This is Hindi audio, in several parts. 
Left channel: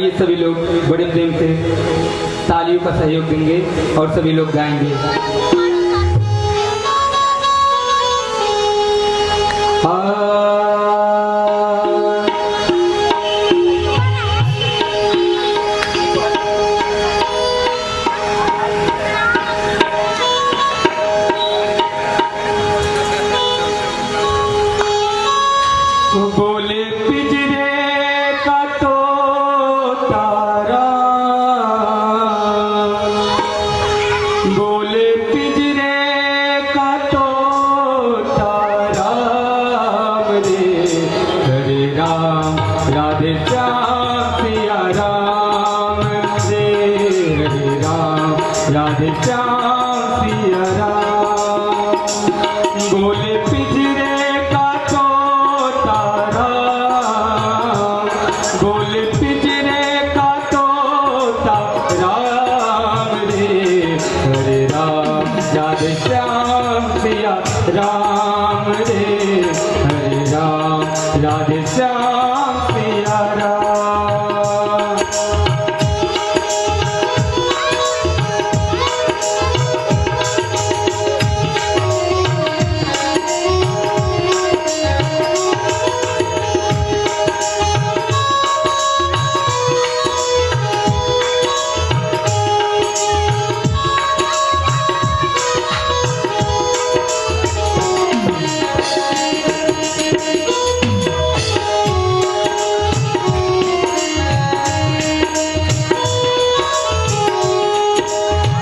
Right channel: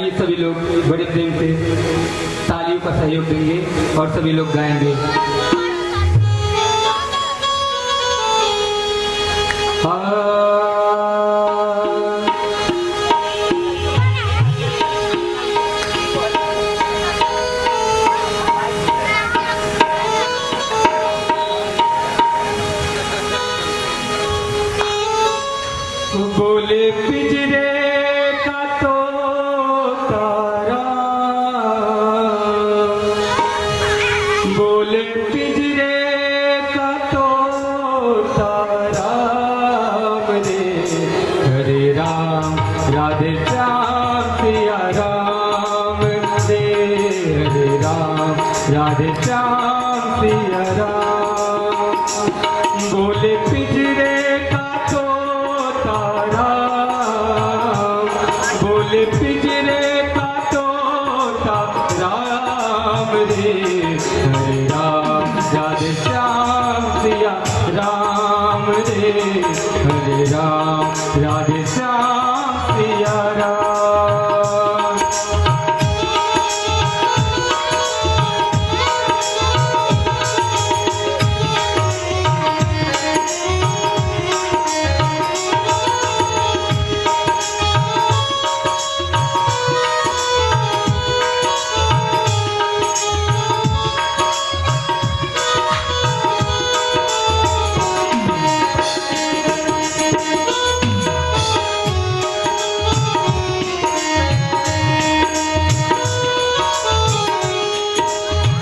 आइए सभी लोग बड़े प्रेम से तालियों का सहयोग देंगे और सभी लोग गाएंगे। बोले पिंजरे का तोता बोले पिंजरे का तोता राम रे हरे राम राधे श्याम सिया राम रे हरे राम राधे श्याम सिया राम। बोले पिंजरे का तोता राम बोले पिंजरे का तोता राम रे हरे राम राधे श्याम सिया राम रे हरे राम राधे श्याम सिया राम।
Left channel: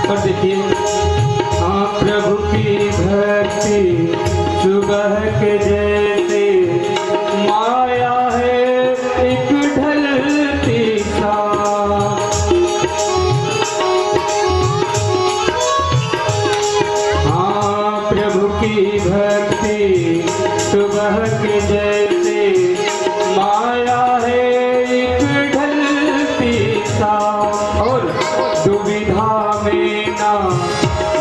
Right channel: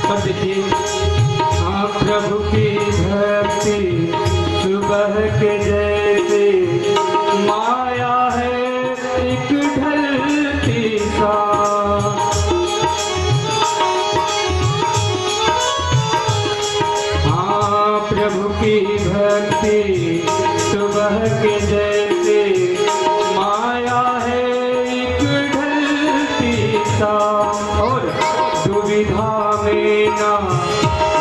और देखिए हाँ प्रभु की भक्ति सुबह के जैसे माया है एक ढलती सा। हाँ प्रभु की भक्ति सुबह के जैसे माया है एक ढलती सा। और दुविधा में ना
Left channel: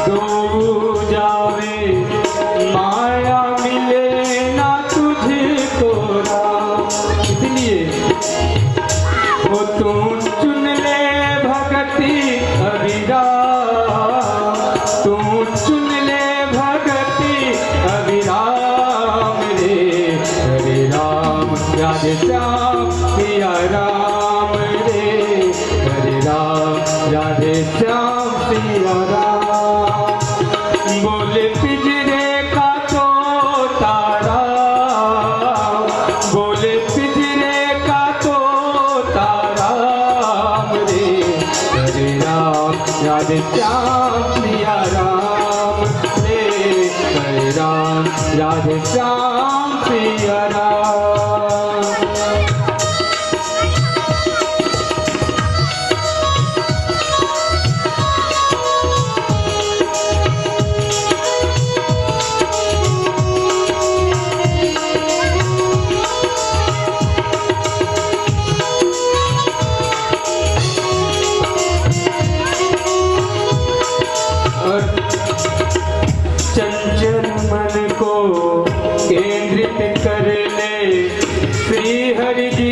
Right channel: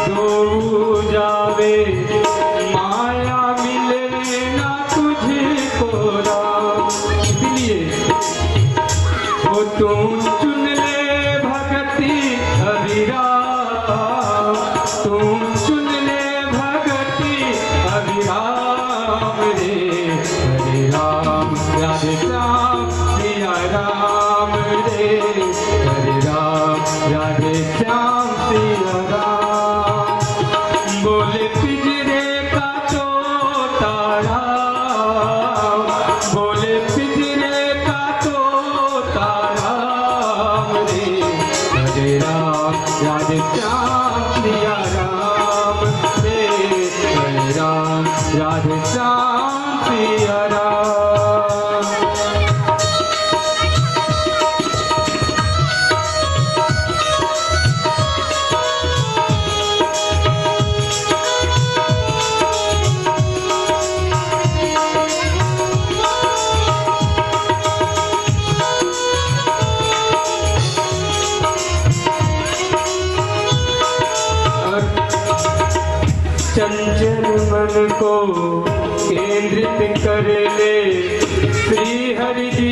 डूब जावे माया मिले ना तुझको राम। इसलिए वो तुम चुन ले भक्ति अभिराम तुम चुन ले भक्ति अभिराम रे हरे राम राधे श्याम सिया राम रे हरे राम राधे श्याम सिया राम। बोले पिंजरे का तोता राम बोले पिंजरे का तोता राम रे हरे राम राधे श्याम सिया राम रे हरे राम राधे श्याम सिया राम। चंचल मन को केंद्रित कर ले श्री हरि जी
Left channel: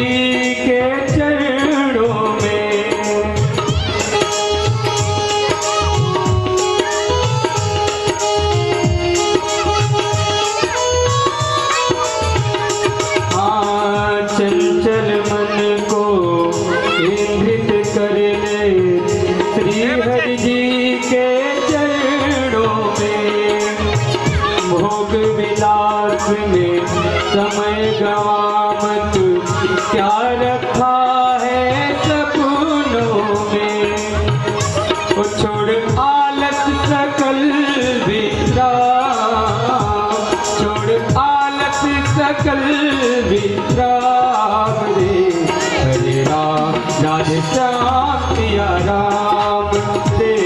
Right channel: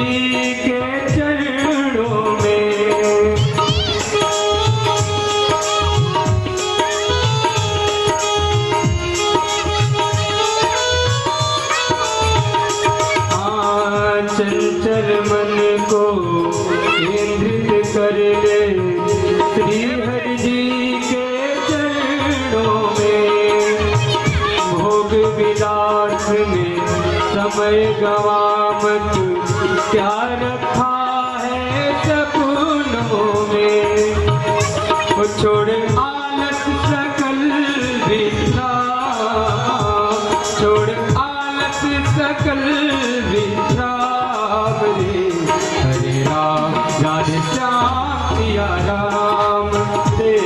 के चरणों में। हाँ चंचल मन को केंद्रित कर ले श्री हरि जी के चरणों में। भोग विलास में समय गवा मत क्या रखा है सपनों में। वो छोड़ आलस सकल विश्राम छोड़ आलस सकल विश्राम रे हरे राम राधे श्याम सिया राम रे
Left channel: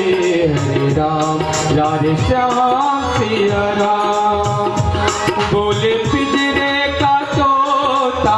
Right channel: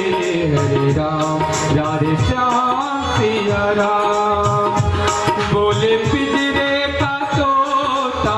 हरे राम राधे श्याम सिया राम। बोले पिंजरे का तोता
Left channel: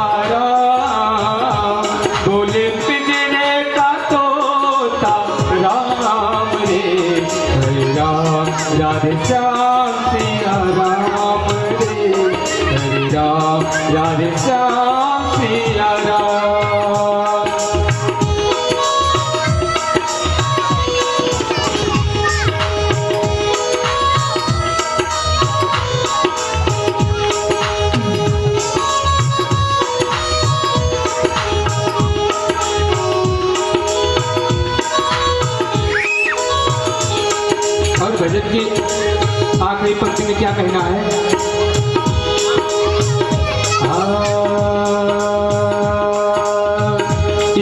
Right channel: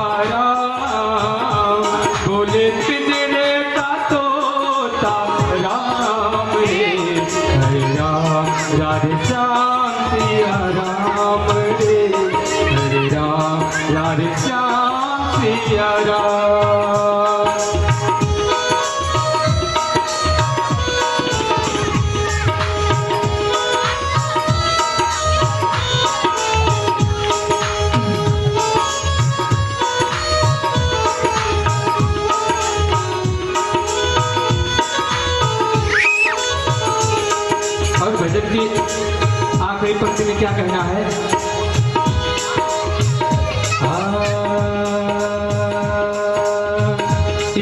कहना है।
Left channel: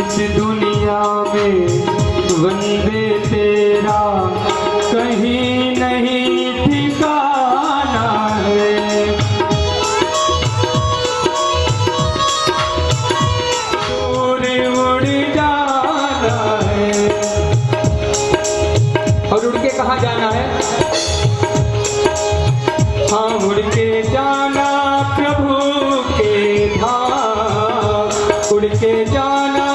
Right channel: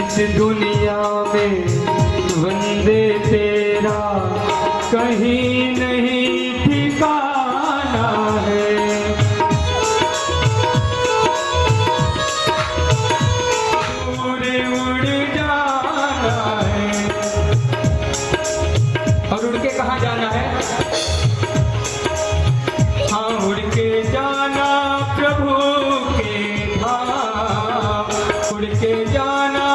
इस दुनिया में वंदे तेरा कहीं नहीं ठिकाना है। दूर उड़ जाना है। और उड़ के कहाँ जाना है? हाँ, उड़ के जाना प्रभु के धाम, उड़ के जाना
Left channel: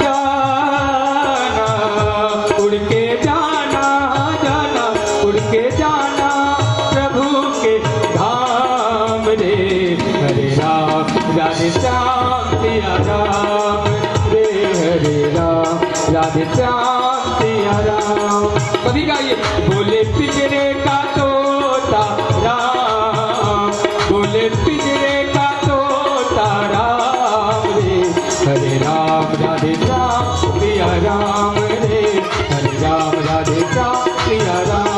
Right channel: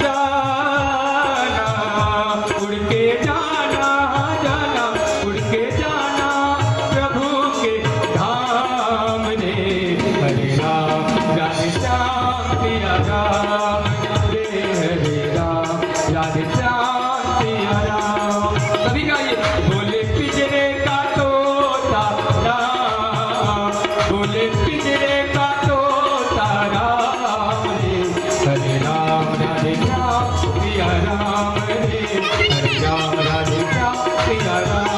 जाना, उड़ के जाना जाना, उड़ के जाना प्रभु के धाम रे। हरे राम राधे श्याम सिया राम रे, हरे राम राधे श्याम सिया राम। सभी गाइए। बोले पिंजरे का तोता राम, बोले पिंजरे का तोता राम रे। हरे राम राधे श्याम सिया राम रे, हरे राम राधे श्याम सिया राम।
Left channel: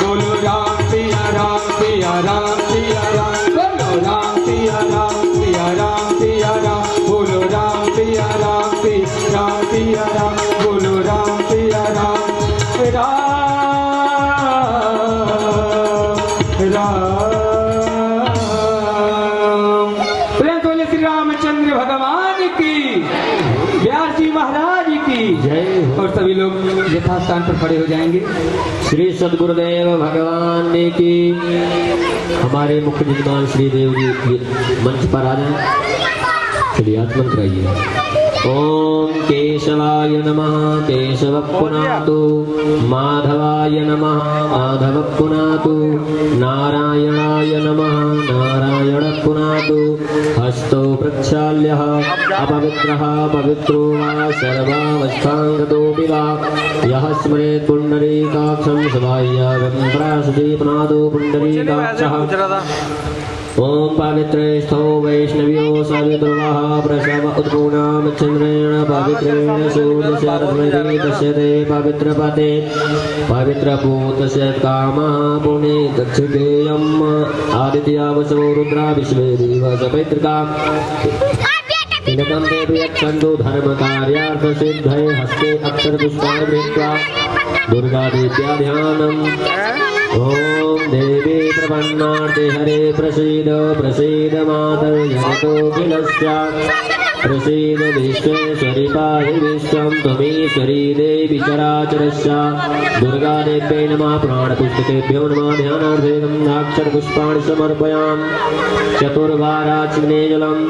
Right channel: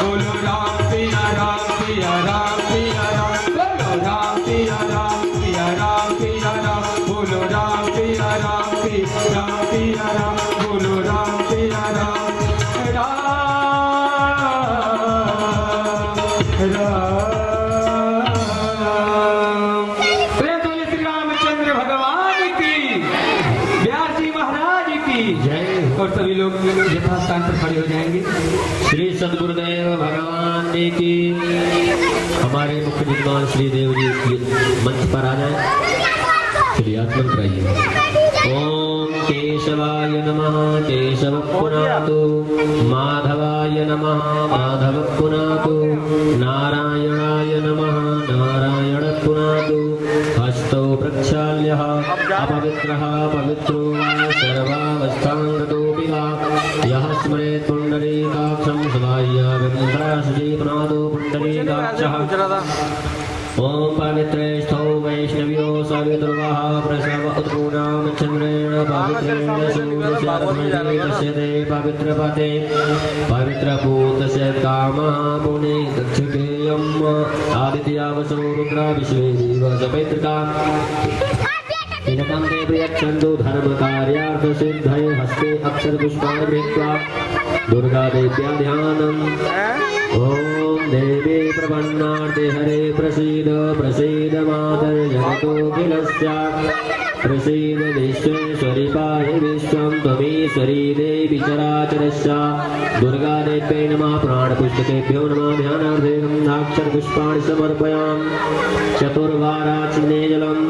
बोलो राम सिया राम सिया राम सिया राम, बोलो राम सिया राम सिया राम सिया राम, बोलो राम सिया राम सिया राम, बोलो राम सिया राम राम राम। प्रेम से श्री रामचंद्र भगवान की, व्यास जी महाराज की जय। और सभी लोग यथास्थान पर खड़े हो जाएंगे। श्री सद्गुरुदेव भगवान की। हमारे मुख्य विद्वान श्री देव जी मंच पर आ जाए। चलिए आत्मन कराइए। ओम केशवाय नमः केशव पुनातु, माधवाय नमः माधव पुनातु, नारायणाय नमः नारायण पुनातु। हस्तौ प्रक्षाल्यः अपवित्रः पवित्रो वा सर्वावस्थाङ्गतोऽपि वा, यः स्मरेत् पुण्डरीकाक्षं सवाह्यागं पराशुचि पुनातु पुण्डरीकाक्षः। ओम पवित्रेष्ठो वैष्णव्यो सर्वधर्मः प्रसव उत्पूर्णां चन्द्रेण पवित्रेण सूर्यशरद्मये दृश्यते पवित्रपते पवित्रभूतस्य कामः पुणे गच्छतेयम् आदित्यावसो रुद्रा विश्वे दिवस पवित्रता तिलकं ते प्रियच्छन्दो धर्मकार्यार्थसिद्धये हस्ते अक्षरपुष्पाणि गृहीत्वा दुर्गादेव्या ध्यानम्। ओम देवी प्रपन्नार्थे हरे प्रसीद प्रसीद मातर्जगतोऽखिलस्य, प्रसीद विश्वेश्वरि पाहि विश्वं त्वमीश्वरी देवी चराचरस्य। दुर्गादेव्यै नमः। प्राणपुष्पकेभ्यो नमः। ध्यानार्थेन अक्षरपुष्पाणि समर्पयामि। चतुर्वाराचमने जलम्।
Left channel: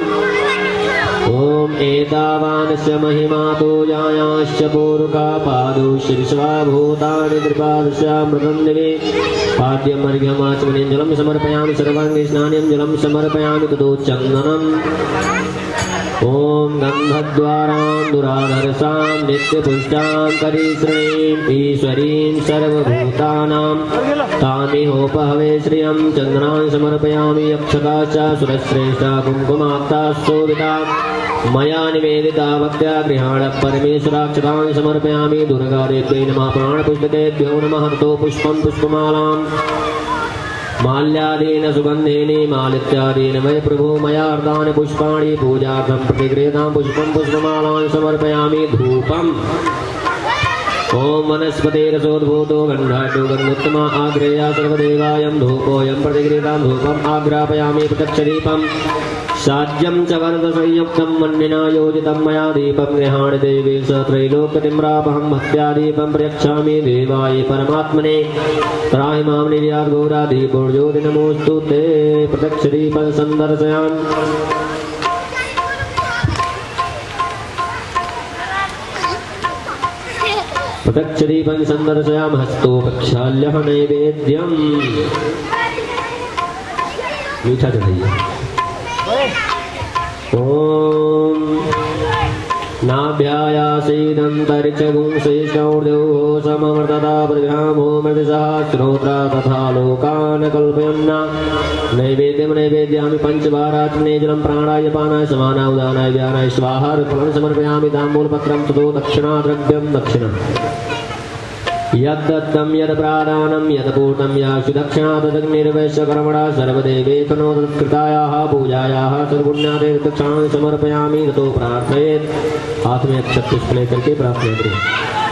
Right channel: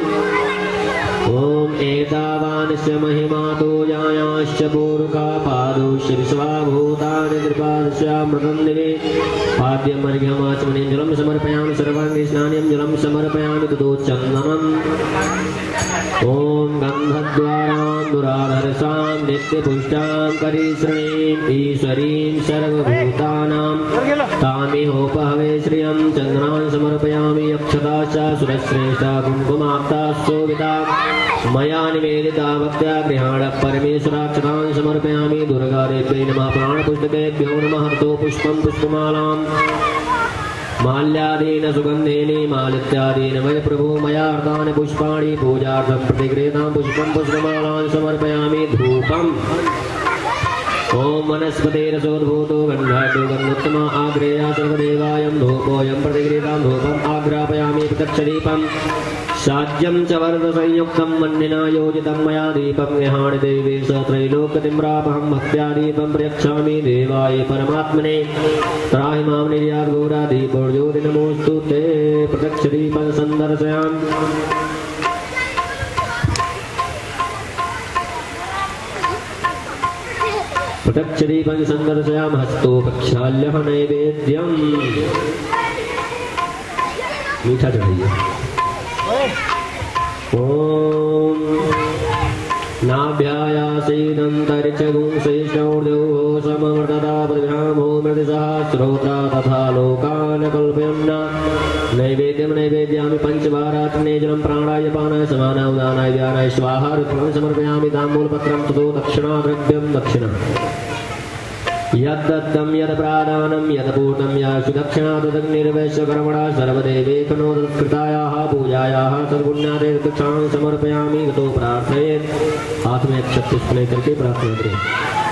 ओम एतावानस्य महिमा तोजायाश्च पूर्वका पादौ शिरस्वा भूतानि त्रिपादस्यामृतं दिवे पाद्यमर्घ्यमाचमनीं जलं समर्पयामि। सर्वाङ्गे स्नानं जलं समर्पयामि ततो चन्दनम्। ओम गन्धद्वारां दुराधरसां नित्यपुष्टां परिश्रयीं ईश्वरीं सर्वभूतानां तामिहोपहवे श्रियं चन्द्रान् समर्पयामि। अक्षताश्च सुरश्रेष्ठा कुङ्कुमाक्ता शोभिता मया निवेदिता भक्त्या गृहाण परमेश्वराक्षतान् समर्पयामि। दुर्गादेव्यै नमः। प्राणपुष्पकेभ्यो नमः। हर्तो पुष्पं पुष्पमालाम् माल्यादीन सुगन्धेन मालित्यादीन मय प्रभो मया अर्धानि पुष्पाणि पूजार्थं प्रतिगृहीतां पुष्पं पुष्पमालान् समर्पयामि। धूपम्। ओम वनस्पतिरसोद्भूतो गन्धाढ्यो गन्धोत्तमा आग्रेया सर्वदेवायं धूपोऽयं प्रतिगृहीतां धूपम् आग्रापयामि। प्रकच्छदीपम् साज्यं च वर्धसंयुक्तं मन्निना योजितं मया दीपं गृहाणि देवी स त्रैलोक्यतिम्रापहं भक्त्या दीपं प्रयच्छामि देवाय परमात्मने। त्राहि मां निर्यात् घोरादीपो ज्योति नमोऽस्तु ते। प्रकच्छदीपं सन्दर्शयामि। प्रकच्छदीपं सन्दर्शयामि। हस्तो प्रक्षाल्यः नैवेद्यम्। मीठा चढ़ाइए। ओम नाभ्यायासेदन्तरिक्षगुंसेशौर्योः समवर्तता प्रजामोमविषः श्रोत्रा तथा लोकान् कल्पयन्ना। नैवेद्यं नैवेद्यामि पंचवाराचमने जलं प्राणाय पानाय समानाय उदानाय व्यानाय स्वाहा। रुद्रं समर्पयामि ताम्बूलपत्रं ततो दक्षिणा द्रव्यं दक्षिणा। यद्दत्तं यत्प्रादानं यत्पूर्णं याशु दक्षिणा तदग्निर्वैश्य कर्मणा सर्वदेवेकनोत्कृतायाः पूजायाः सर्वपुण्यादे दक्षिणां समर्पयामि ततो प्रार्थयेत्। हाथ में अक्षत पुष्प लेकर के प्रार्थना करें।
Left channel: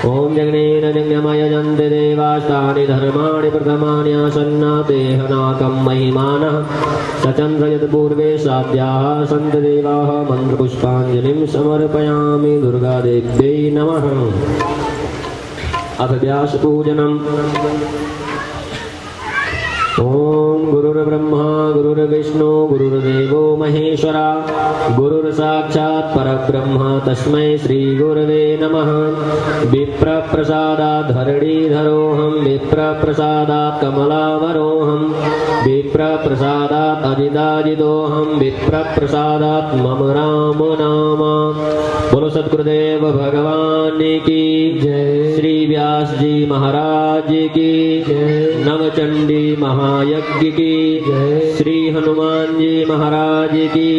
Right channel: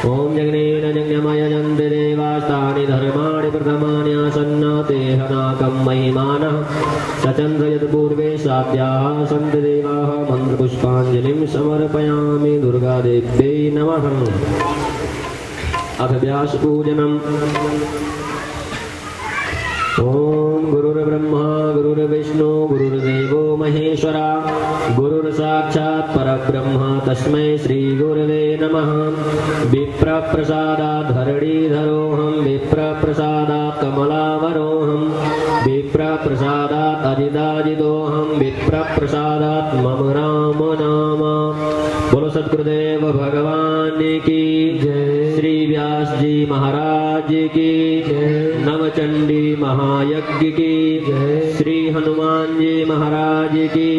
ओम यज्ञेन यज्ञमयजन्त देवास्तानि धर्माणि प्रथमानि आसन्नाते हनाकं महिमानः सचन्द्रयत्पूर्वे साध्याः सन्त देवाः मन्त्रपुष्पाञ्जलिं समर्पयामि। दुर्गादेव्यै नमः। अथ व्यास पूजनम्। ओम गुरुर्ब्रह्मा गुरुर्विष्णु गुरुर्देवो महेश्वरा गुरुर्साक्षात् परब्रह्म तस्मै श्री गुरवे नमः। विप्रप्रसादात् धरणीधरोऽहं विप्रप्रसादात् कमलावरोऽहं विप्रप्रसादात् अजिताजितोऽहं विप्रप्रसादात् मम राम नाम। बोलो सद्गुरुदेव भगवान की जय। श्री व्यास जी महाराज की जय। नवचंडी महायज्ञ की जय। श्री हनुमान जी महाराज की।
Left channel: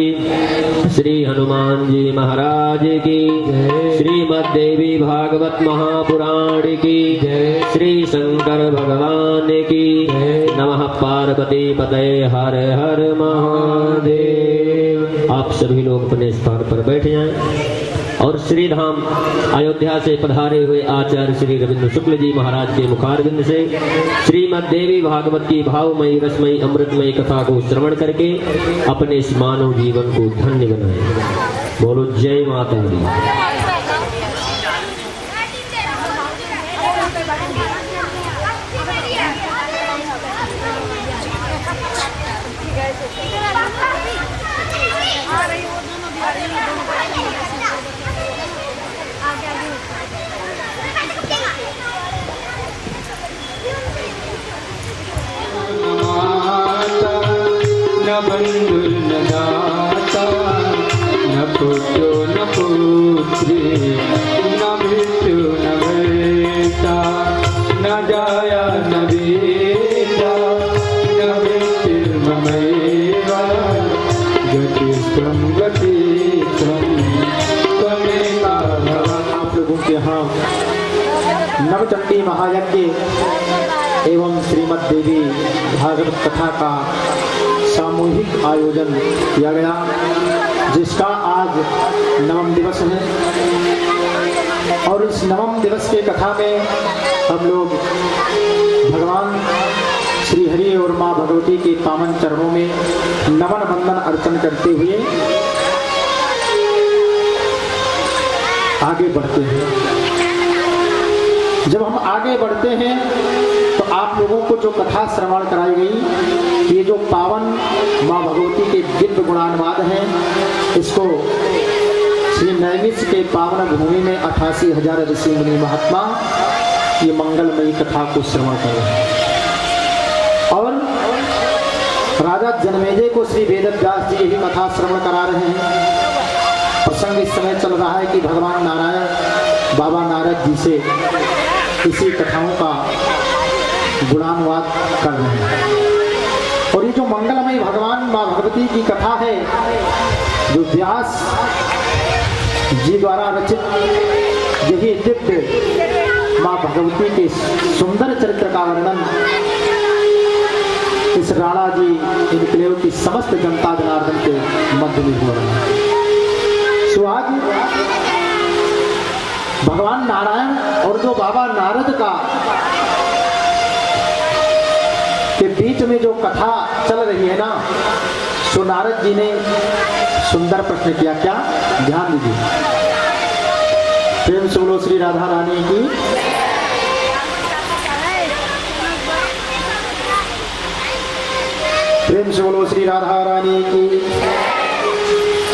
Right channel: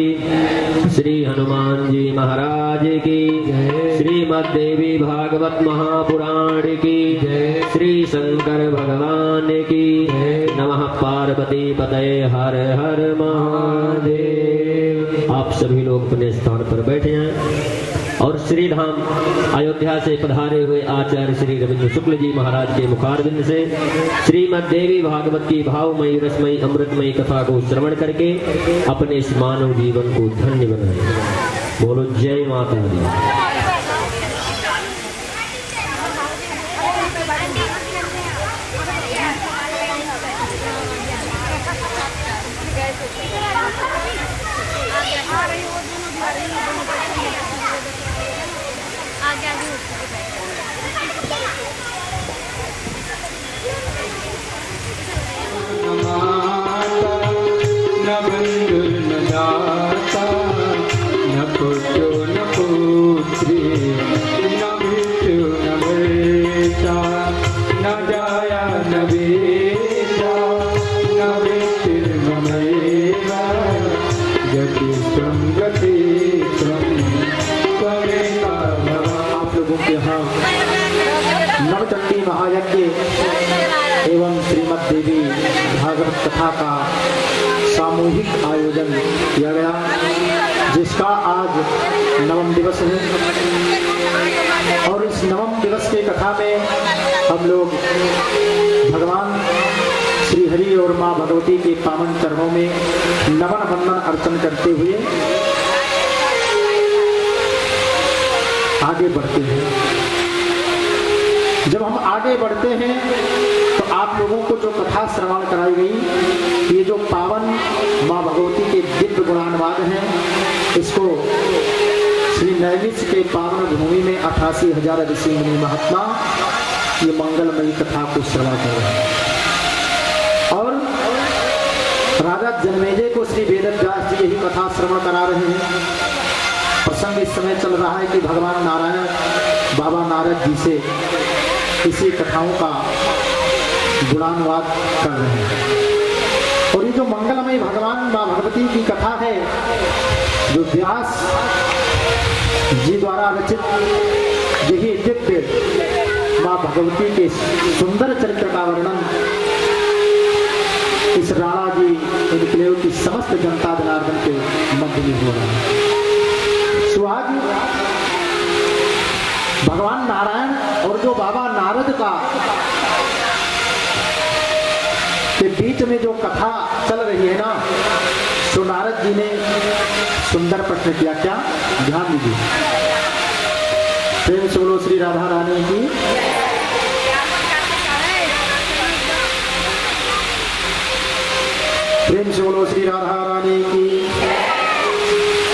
श्री हनुमान जी महाराज की जय। श्रीमद् देवी भागवत महापुराण की जय। श्री शंकर भगवान की जय। नमः पार्वती पतये हर हर महादेव। आप सभी लोग अपने स्थान पर बैठ जाएं और श्री धाम अयोध्या से पधारे हुए आचार्य श्री रविंद्र शुक्ल जी महाराज के मुखारविंद से श्रीमद् देवी भागवत की भावमयी रसमयी अमृतमयी कथा को श्रवण करके अपने इस मानव जीवन को धन्य बनाएं। बोलो जय माता दी। न बंधु न दाता न पुत्रो न पुत्री न मृत्यु न वेता न जाया न वेता न मृत्युर्ममैव गतिस्त्वं गतिस्त्वं त्वमेका भव। आप लोगों के यहाँ नवचंडी महायज्ञ एवं श्रीमद् देवी भागवत कथा का सामूहिक आयोजन किया गया, जिसका आज नवम दिवस है। और इस नवम दिवस के कथा में हम लोग भगवान श्री हरि और माँ भगवती के पावन चरणों में नमन वंदन अर्चन करते हुए आगे बढ़ते हैं। जब हम आगे बढ़ते हैं तो आप लोगों को जो कथा श्रवण कराई गई, ये जो पावन माँ भगवती के दिव्य गुणानुवाद हैं, इसको श्री नैमिष के पावन भूमि में 88,000 ऋषि मुनि महात्मा ये मंगलमयी कथा को श्रवण कर रहे हैं। और राजा जन्मेजय को श्री वेदव्यास जी यही कथा श्रवण करा रहे हैं। प्रसंग इस समय चल रहा है कि भगवान नारायण बाबा नारद जी से इसी कथाओं का गुणानुवाद कर रहे हैं। और ये जो मंगलमय भगवान माँ भगवती की कथा है, जो व्यास जी द्वारा रचित यही दिव्य माँ भगवती के सुंदर चरित्र का वर्णन इस राणा जी इनकलेव की समस्त जनता जनार्दन के मध्य में हो रहा है। तो आज भगवान नारायण और जो बाबा नारद का के बीच में जो कथा चल रही है ना, तो नारद जी ने सुंदर प्रश्न किया। क्या? ध्यान दीजिए। प्रेम से बोलो श्री राधा रानी की। प्रेम से बोलो श्री राधा रानी की।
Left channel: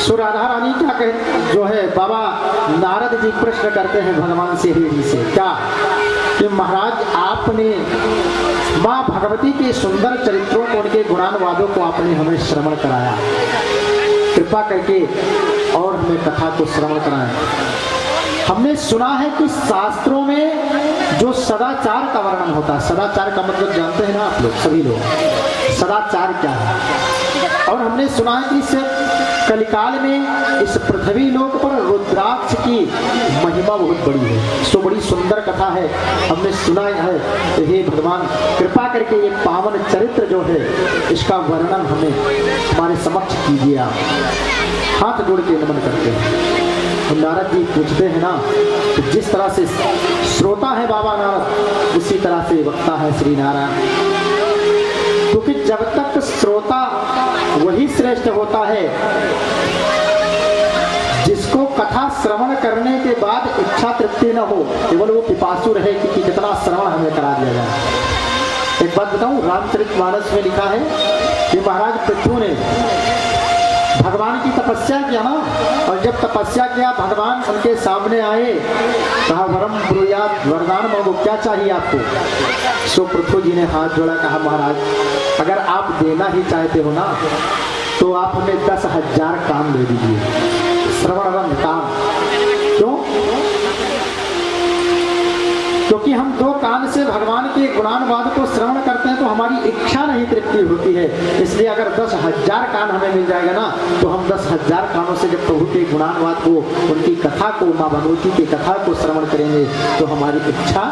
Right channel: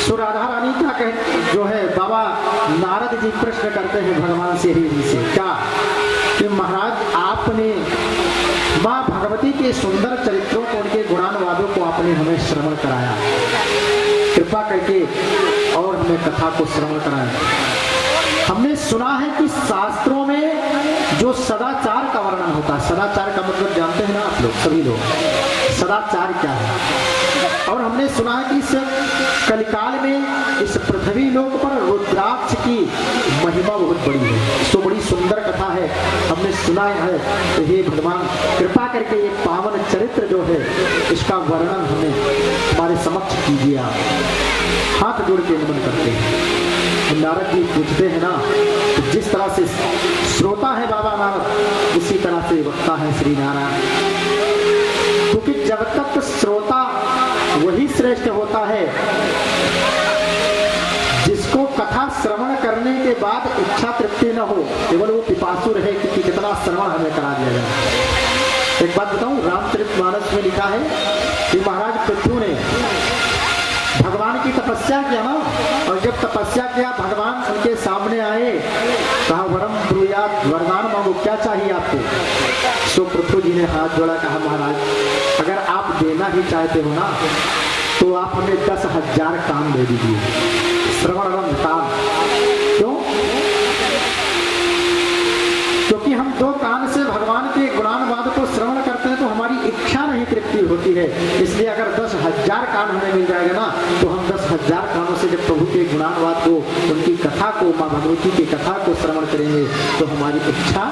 सो राधा रानी क्या कह जो है बाबा नारद जी प्रश्न करते हैं भगवान से ही से, क्या कि महाराज आपने माँ भगवती के सुंदर चरित्रों को, उनके गुणानुवादों को आपने हमें श्रवण कराया, कृपा करके और हमें कथा को श्रवण कराया। हमने सुना है कि शास्त्रों में जो सदाचार का वर्णन होता है, सदाचार का मतलब जानते हैं ना आप लोग, सभी लोग, सदाचार क्या है? और हमने सुना है कि इससे कलिकाल में इस पृथ्वी लोक पर रुद्राक्ष की महिमा बहुत बड़ी है। तो बड़ी सुंदर कथा है, हमने सुना है। तो हे भगवान कृपा करके ये पावन चरित्र जो है इसका वर्णन हमें हमारे समक्ष कीजिए। आप हाथ जोड़ के नमन करते हैं। तो नारद जी पूछते हैं ना, तो जिस तरह से श्रोता है बाबा नारद, उसी तरह से वक्ता है श्री नारायण। क्योंकि जब तक श्रोता वही श्रेष्ठ होता है जिसको कथा श्रवण करने के बाद इच्छा तृप्ति न हो, केवल वो पिपासु रहे कि कितना श्रवण हमें करा दिया जाए। एक बात बताऊं, रामचरितमानस में लिखा है कि महाराज पृथु ने भगवान की तपस्या किया ना, और जब तपस्या किया भगवान उनके सामने आए, कहा वरम ब्रूयात, वरदान मांगो, क्या चाहिए आपको। सो पृथु जी ने हाथ जोड़ा, कहा महाराज अगर आप देना ही चाहते हो ना तो आप हमें 10,000 काम दे दीजिए, श्रवणरम काम। क्यों? क्योंकि हम 2 कान से भगवान के गुणानुवाद को श्रवण करते हैं तो हमारी इच्छा नहीं तृप्ति होती है। इसलिए अगर 10,000 कान हमें मिल जाएगा ना तो हम 10,000 कानों से जब प्रभु के गुणानुवाद को, उनकी कथा को, माँ भगवती की कथा को श्रवण करेंगे तो हमारी इच्छा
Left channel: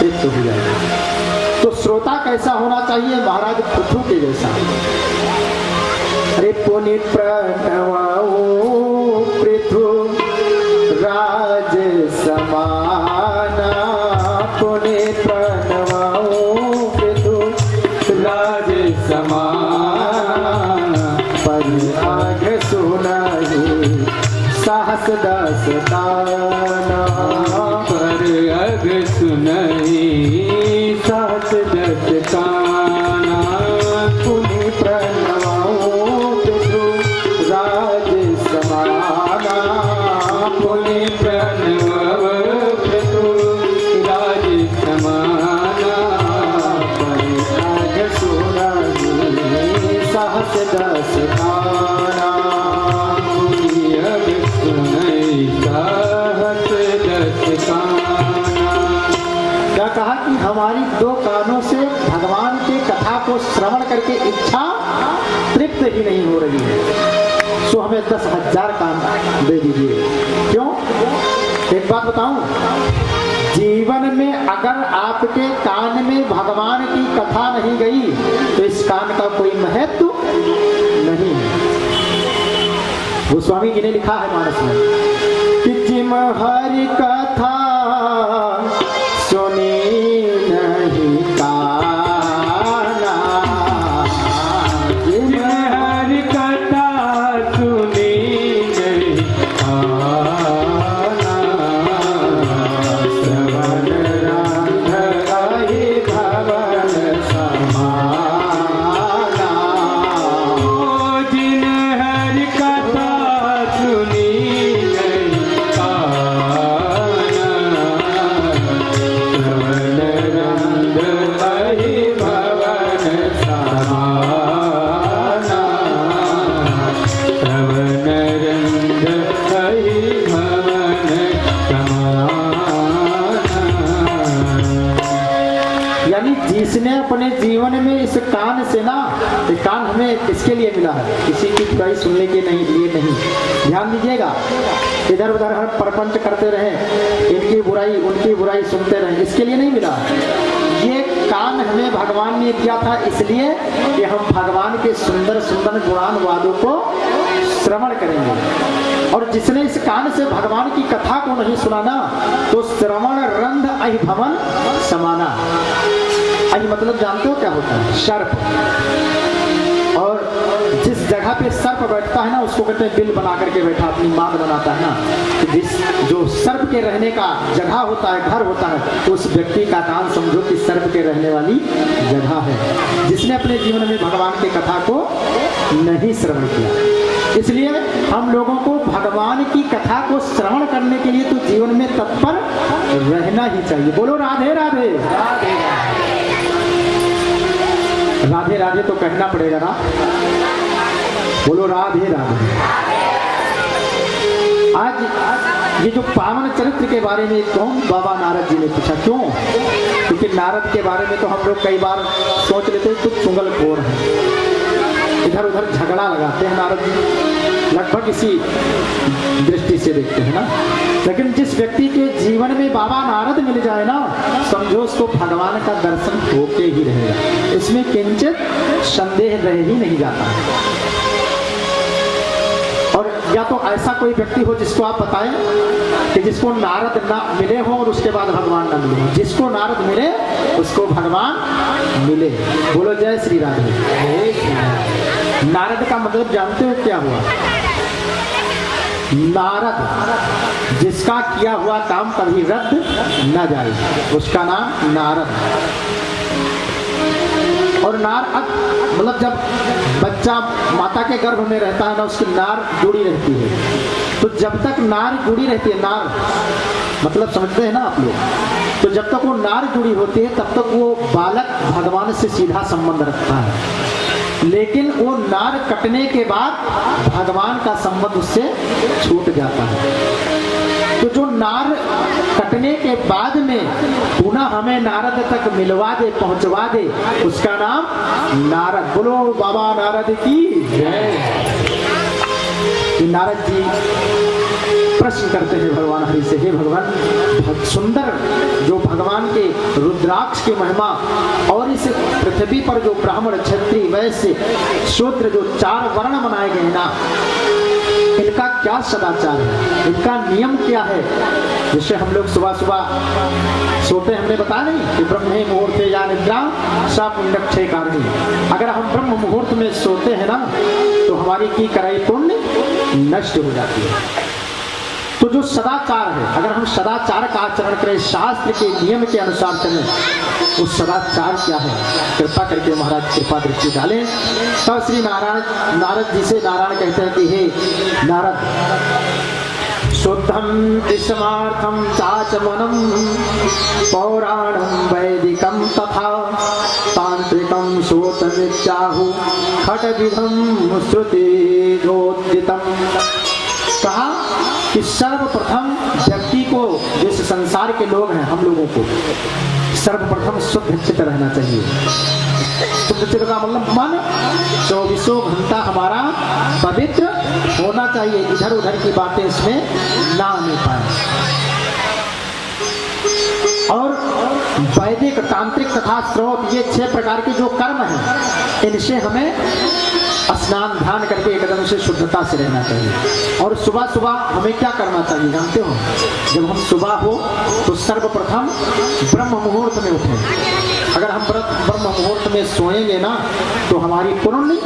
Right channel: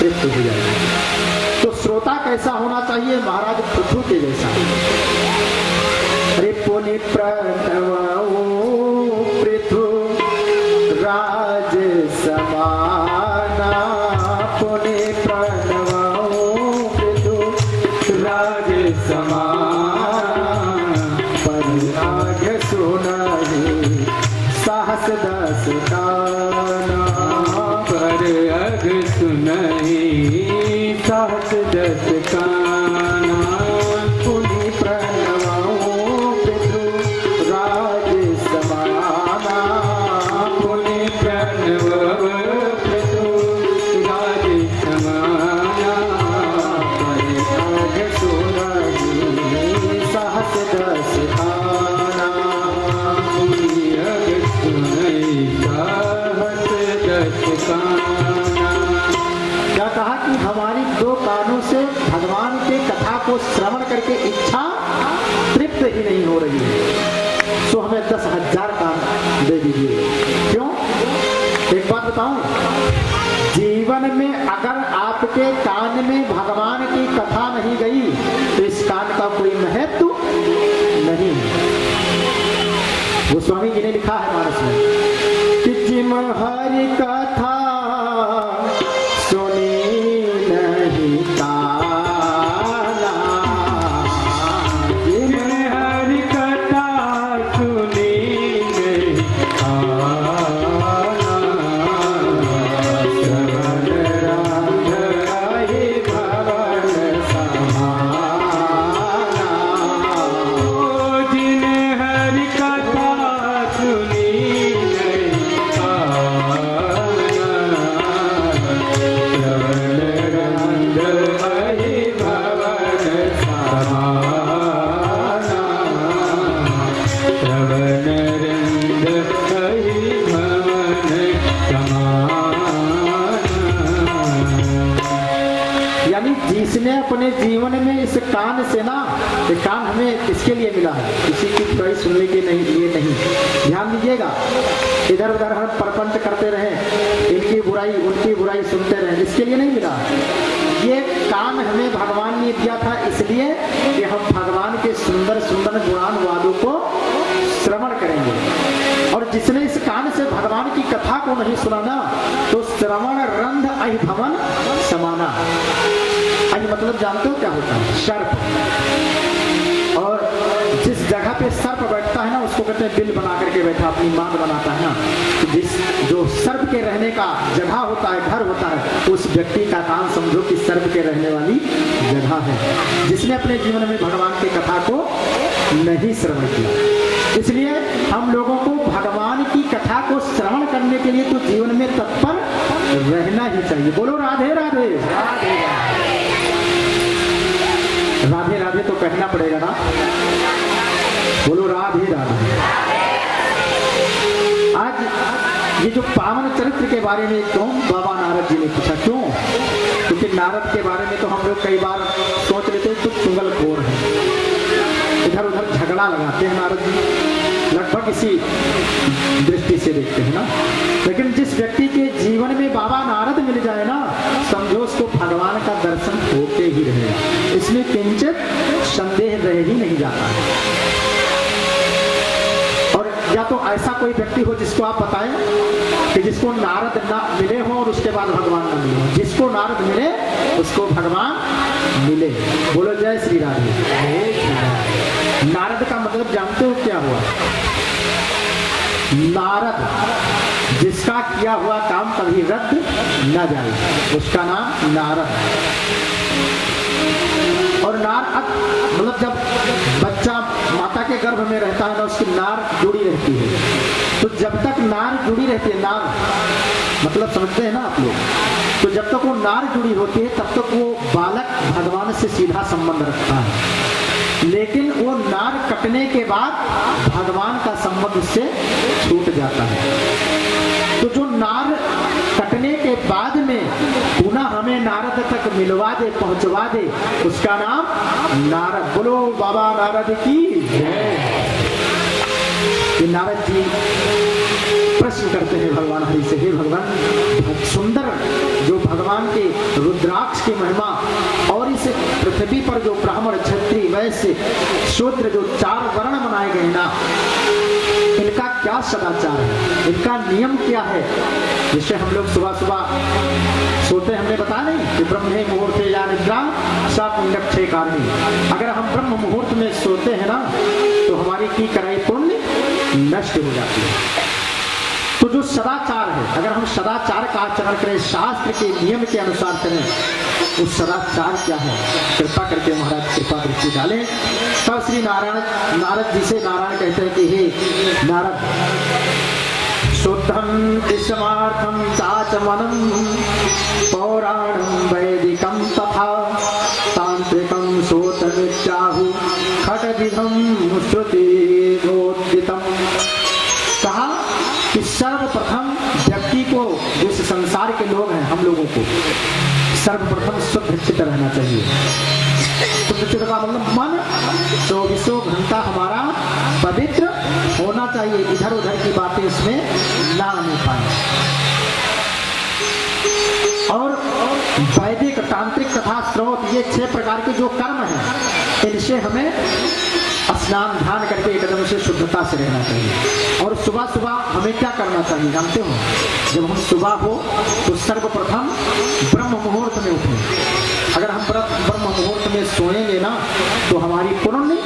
तृप्त हो जाएगी। तो श्रोता कैसा होना चाहिए? महाराज पृथु के जैसा। अरे पुनि प्रणवो पृथु राज समाना, पुनि प्रणवो पृथु राज समाना, परिराग सुनाहि साहस दसताना, परिराग सुनाहि साहस दसताना, पुनि प्रणवो पृथु राज समाना, पुनि प्रणव पृथु राज समाना, परिराग सुनाहि साहस दसताना। परिराग सुनाहि साहस दसताना। क्या कहा कि हमारी 2 कानों से भगवान के कथा को श्रवण करके इच्छा तृप्त ही नहीं हो रही है, सो हमें 10,000 कान दे दीजिए। क्यों? एक बात बताऊं, जीवन में अगर आपके कान में भगवान की कथा नहीं गई तो इस कान का कोई महत्व नहीं है। गोस्वामी जी ने लिखा है मानस में कि जिम हरि कथा सुनी नहीं काना, जिम हरि कथा सुनी नहीं काना, श्रवण रंग रहि भवन समाना। जिम हरि कथा सुनी नहीं काना, श्रवण रंग रहि भवन समाना, श्रवण रंग रहि भवन समाना। यानी जिसने अपने जीवन में इस कान से ना, ये कान हमें किसके लिए मिला है? किसी की बुराई सुनने के लिए नहीं। ध्यान दीजिएगा, इधर उधर हम प्रपंच करते रहे, इनकी बुराई उनकी बुराई सुनते रहे, इसके लिए नहीं मिला। ये कान हमें भगवान ने दिया था इसलिए कि हम भगवान के सुंदर सुंदर गुणानुवादों को श्रवण करेंगे। और जिसने इस कान से भगवान की कथा को नहीं सुना तो श्रवण रंध अहिभवन समाना। आज मतलब जानते हो क्या होता है? सर्प। और जिस जगह पे सर्प बैठता है ना उसको कहते हैं बिल बना करके बैठा, अपनी मान बनाता है ना। तो जिस जो सर्प के रहने का जगह होता है, घर होता है, तो उस व्यक्ति का काम समझो कि सर्प के रहने वाली जगह है, जिसने अपने जीवन में भगवान की कथा को नहीं श्रवण किया। इसलिए हम लोगों को भगवान की कथा को श्रवण करने के लिए तो जीवन में तत्पर रहना ही चाहिए। बोलो राधे राधे। राधे राधे तो कहना पड़ेगा ना, बोलो राधे राधे। आज ये जो पावन चरित्र के बारे में कौन बाबा नारद जी ने पूछा, क्यों? क्योंकि नारद के बारे में तो हम लोग कई बार सोच लेते हैं कुछ चुगलखोर है, इधर उधर झगड़ा लगाते हैं नारद जी, लगता लगभग इसी दृष्टि से देखते हैं ना। लेकिन जिस व्यक्ति के जीवन में बाबा नारद मिल जाए ना, समझो उसको भगवान का दर्शन होके ही रहेगा, इसमें किंचित संदेह रह ही नहीं जाता। और या तो ऐसा कोई व्यक्ति हो जिसको आप बताएं कि जिसको नारद ना मिले हो और उसके बाद भगवान ना मिले हो। जिसको नारद मिले उसको भगवान मिले। बोलो जय श्री राधे। नारद का मतलब जानते हो क्या हुआ? नारद, जिसका किया हुआ काम कभी रद्द न जाए, उसका नाम नारद। और नार मतलब जब बच्चा माता के गर्भ में रहता है ना, उसकी नार जुड़ी रहती है। तो जब तक नार जुड़ी रहती है, नार मतलब समझते हैं ना आप लोग, तो जब तक वो नार जुड़ी होती है तब तक वो बालक भगवान से सीधा संबंध रखता है। लेकिन वो नार कटने के बाद भगवान का संबंध उससे छूट जाता है। तो जो नार कटने के बाद में पुनः हमें नारद तक मिलवा दे, पहुंचवा दे, उसका नाम नारद। बोलो बाबा नारद की जय। नारद जी प्रश्न करते हैं भगवान हरि से, हे भगवान, सुंदर जो भगवान के रुद्राक्ष की महिमा और इस पृथ्वी पर जो ब्राह्मण, क्षत्रिय, वैश्य, शूद्र जो 4 वर्ण बनाए गए ना, इनका क्या सदाचार है, इनका नियम क्या है? जिससे हम लोग सुबह सुबह सोते, हमने बताया नहीं कि ब्रह्मे मुहूर्ते या निद्रा सा पुण्यक्षय कारणी। अगर हम ब्रह्म मुहूर्त में सोते हैं ना, तो हमारी की कराई पुण्य नष्ट हो जाती है। तो जो सदाचार है, अगर हम सदाचार का आचरण करें, शास्त्र के नियम के अनुसार चलें, उस सदाचार क्या है? कृपा करके महाराज कृपा दृष्टि डालें। तब श्री नारद जी से नारायण कहते हैं कि हे नारद, शुद्धम स्मार्थम चाचमनम पौराणम वैदिकम तथा तांत्रिकम श्रोत्र नित्याहु खटविधम श्रुतिरोदितम। कहा कि सर्वप्रथम व्यक्ति को, जिस संसार के लोग हैं हम लोगों को, सर्वप्रथम शुद्ध चित्त रहना चाहिए। शुद्ध चित्त का मतलब मन 24 घंटा हमारा पवित्र होना चाहिए, इधर उधर की बातें इसमें ना आने पाए। और वैदिक, तांत्रिक तथा स्रोत, ये 6 प्रकार के जो कर्म हैं, इनसे हमें स्नान ध्यान करके एकदम से शुद्धता से रहना चाहिए। और सुबह सुबह हमें क्या करना चाहिए जानते हो? जब हम सुबह हो तो सर्वप्रथम ब्रह्म मुहूर्त में उठें। अगर हम ब्रह्म मुहूर्त में सोएंगे ना, तो हमारी पुण्य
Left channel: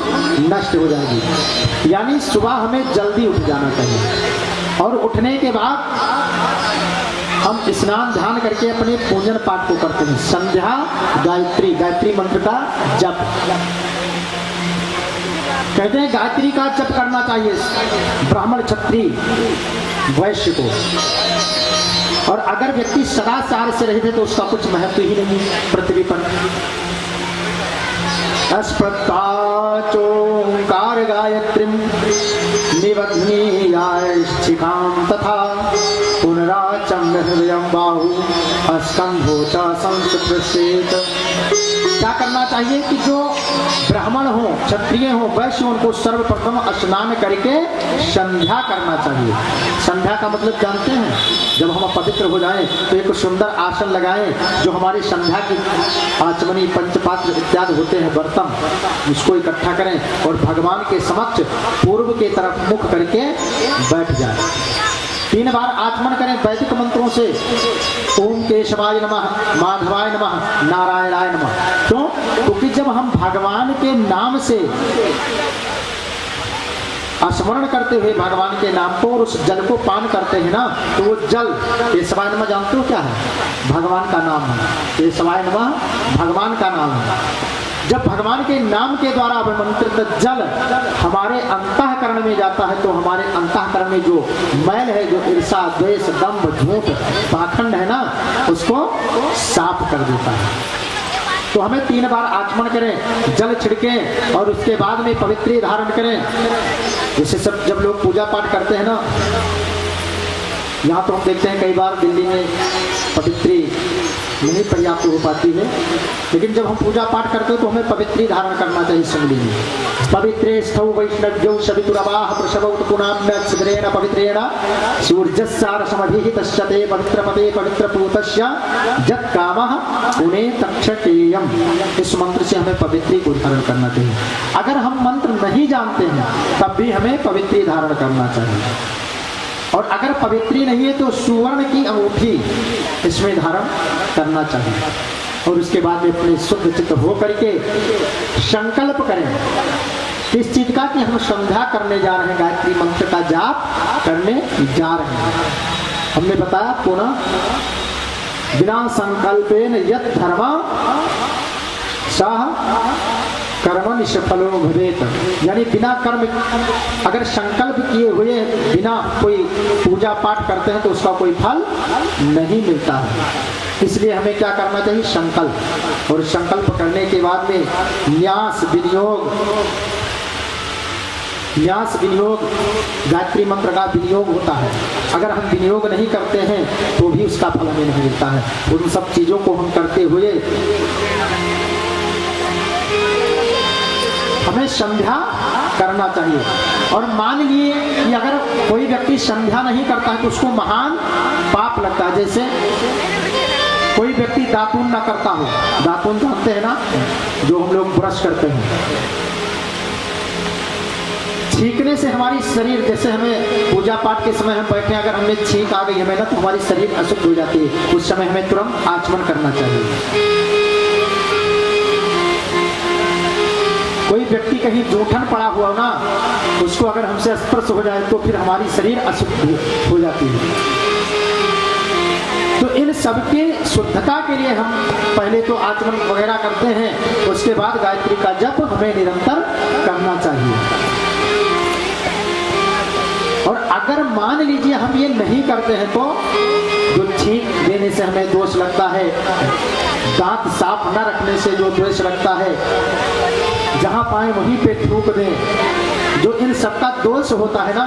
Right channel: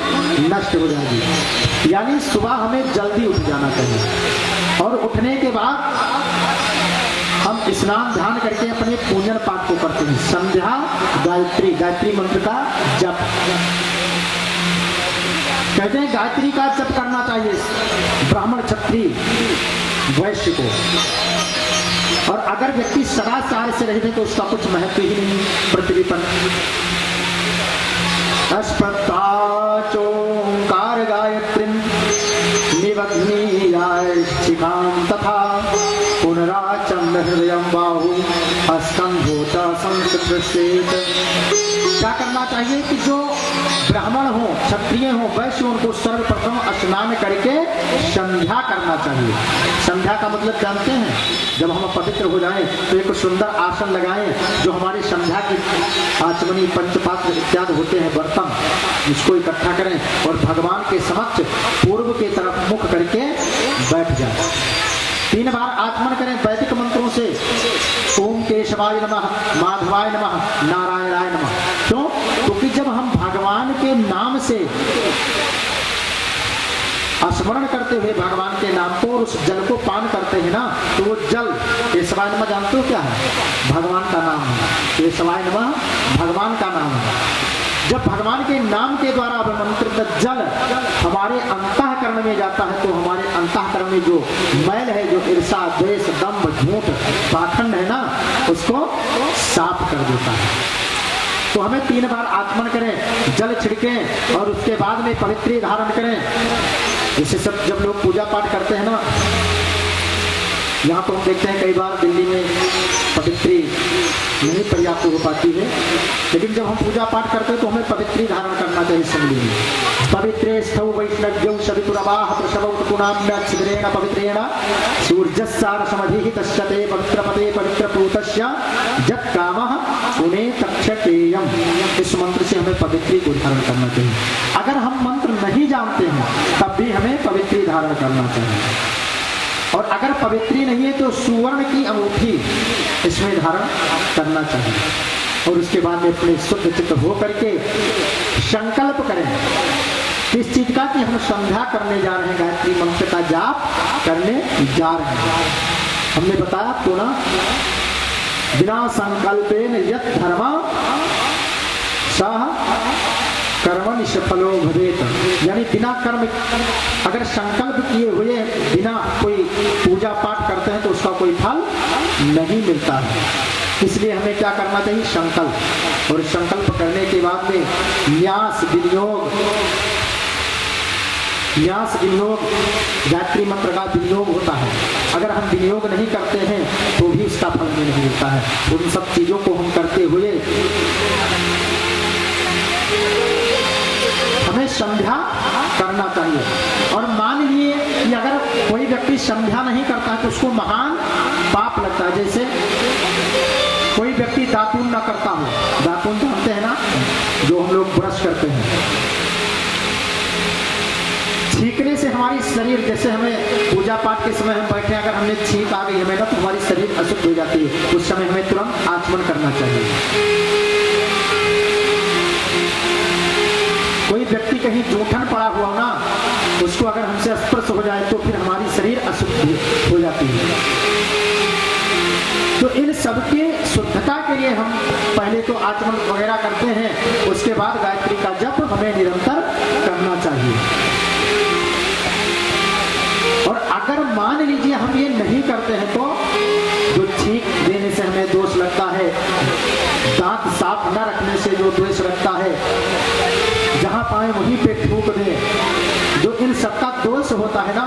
नष्ट हो जाएगी। यानी सुबह हमें जल्दी उठ जाना चाहिए। और उठने के बाद हम स्नान ध्यान करके अपने पूजन पाठ को करते हैं। संध्या गायत्री मंत्र का जप कहते हैं, गायत्री का जप करना चाहिए ब्राह्मण, क्षत्रिय, वैश्य को। और अगर व्यक्ति सदाचार से रहते तो उसका कुछ महत्व ही नहीं पृथ्वी पर। अस्पताचोंकार गायत्रीं निबध्नीयाश्चिकां तथा पुनराचम हृदयं बाहु हस्तं भूत संस्कृत। क्या करना चाहिए कि जो ब्राह्मण हो, क्षत्रिय हो, वैश्य हो, उनको सर्वप्रथम स्नान करके संध्या करना चाहिए। संध्या का मतलब जानते हैं? जब हम पवित्र हो जाएं तो एक सुंदर आसन लगाएं, जो हमारी संध्या की आचमनी, पंचपात्र इत्यादि होते हैं बर्तन, इसको इकट्ठा करें और भगवान के समक्ष पूर्व के तरफ मुख करके बैठ जाए। 3 बार आचमन करें वैदिक मंत्रों से। ओम केशवाय नमः, माधवाय नमः, नारायणाय नमः। क्यों? क्योंकि जब हम भगवान के नाम से स्मरण करते हुए भगवान के नाम को और उस जल को पान करते हैं ना, तो वो जल, केशवाय नमः जानते हो क्या है? भगवान का नाम है। केशवाय नमः भगवान का नाम है। जब भगवान के नाम के द्वारा अभिमंत्रित जल हमारे अंतःकरण में जाता है, तो हमारे अंतःकरण में जो मैल है, जो ईर्ष्या, द्वेष, दंभ, झूठ, पाखंड है ना, उसको साफ कर देता है। तो हमें 3 बार आचमन करें, जल छिड़कें और उसके बाद में पवित्री धारण करें। जैसे सब जब लोग पूजा पाठ करते हैं ना, यहाँ तो हम देखते हैं कई बार दिल्ली में पवित्री नहीं पर्याप्त हो पाती है, लेकिन जब हम पूजा पाठ करते हैं तो हमें पवित्री धारण करना चाहिए। संगली में पवित्रेष्ठौ वैष्णव्यौ सवितुरवाह प्रसवौ पुनाम्यक्षग्रेण पवित्रेण सूर्यस्यारसमधिः तस्यते पवित्रपते पवित्रपूतस्य जत्कामः पुणे तक्षकेयम्। इस मंत्र से हमें पवित्री को धारण करना चाहिए। अगर हम मंत्र नहीं जानते हैं तब भी हमें पवित्री धारण करना चाहिए। और अगर पवित्री नहीं है तो सुवर्ण की अंगूठी इसमें धारण करना चाहिए। और उसके बाद में अपने शुद्ध चित्त हो करके संकल्प करें किस चीज का, कि हम संध्या करने जा रहे हैं, गायत्री मंत्र का जाप करने जा रहे हैं। हमने बताया पुनः बिना संकल्पेन यत् धर्म सह कर्म निष्फलो भवेत, यानी बिना कर्म, अगर संकल्प किए हुए बिना कोई पूजा पाठ करते हैं तो उसका कोई फल नहीं मिलता है। इसलिए हमें क्या करना चाहिए, संकल्प। और संकल्प करने के बाद में न्यास विनियोग गायत्री मंत्र का विनियोग होता है। अगर हम विनियोग नहीं करते हैं तो भी उसका फल हमें नहीं मिलता है। उन सब चीजों को हम करते हुए हमें संध्या करना चाहिए। और मान लिए कि अगर कोई व्यक्ति संध्या नहीं करता है तो उसको महान पाप लगता है। जैसे कोई व्यक्ति दातून ना करता हो, दातून जानते हैं ना, जो हम लोग ब्रश करते हैं, छींकने से हमारी शरीर, जैसे हमें पूजा पाठ के समय हम बैठे, अगर हमें छींक आ गई हमें ना तो हमारी शरीर अशुद्ध हो जाती है। उस समय हमें तुरंत आचमन करना चाहिए। कोई व्यक्ति कहीं जूठन पड़ा हुआ ना, उसको अगर हमसे स्पर्श हो जाए तो फिर हमारी शरीर अशुद्ध हो जाती है। तो इन सबके शुद्धता के लिए हम पहले तो आचमन वगैरह करते हैं, उसके बाद गायत्री का जप हमें निरंतर करना चाहिए। और अगर मान लीजिए हम ये नहीं करते हैं तो जो छींक देने से हमें दोष लगता है, दांत साफ न रखने से जो दोष लगता है, जहां पाए वहीं पे थूक दें, जो इन सबका दोष होता है ना,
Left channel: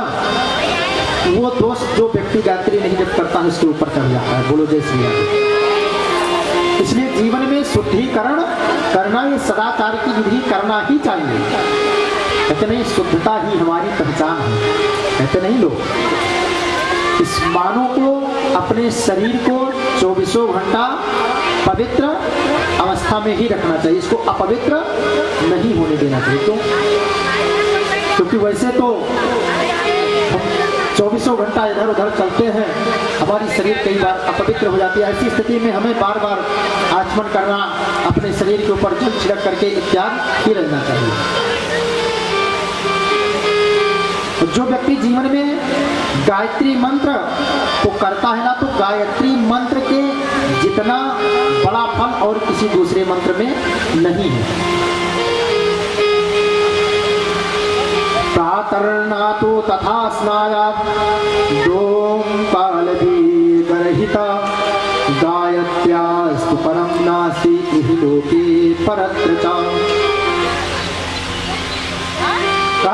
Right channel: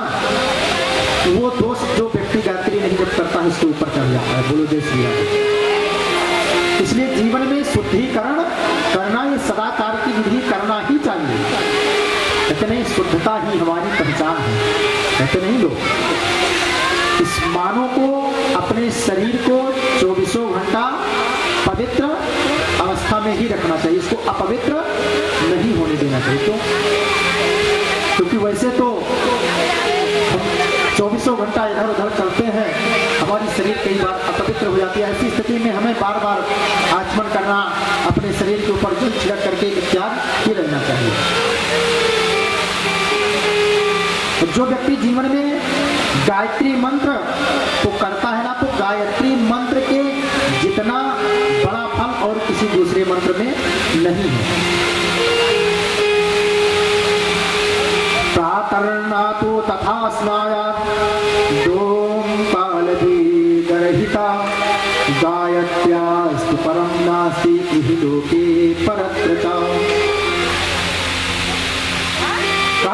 वो दोष जो व्यक्ति गायत्री नहीं जप करता है उसके ऊपर चढ़ जाता है। बोलो जय श्री राम। इसलिए जीवन में शुद्धिकरण करना, ये सदाचार की विधि करना ही चाहिए। कहते नहीं शुद्धता ही हमारी पहचान है, कहते नहीं लोग। इस मानव को अपने शरीर को 24 घंटा पवित्र अवस्था में ही रखना चाहिए, इसको अपवित्र नहीं होने देना चाहिए। क्योंकि वैसे तो 24 घंटा इधर उधर चलते हैं, हमारी शरीर कई बार अपवित्र हो जाती है। ऐसी स्थिति में हमें बार बार आचमन करना, अपने शरीर के ऊपर जल छिड़क करके इत्यादि ही रहना चाहिए। जो व्यक्ति जीवन में गायत्री मंत्र को करता है ना, तो गायत्री मंत्र के जितना बड़ा फल और किसी दूसरे मंत्र में नहीं है। प्रातर्नातो तथा स्नायात् दोम कालदीगरहिता गायत्र्यास्तु परम नास्ति इहि लोके परत्र च।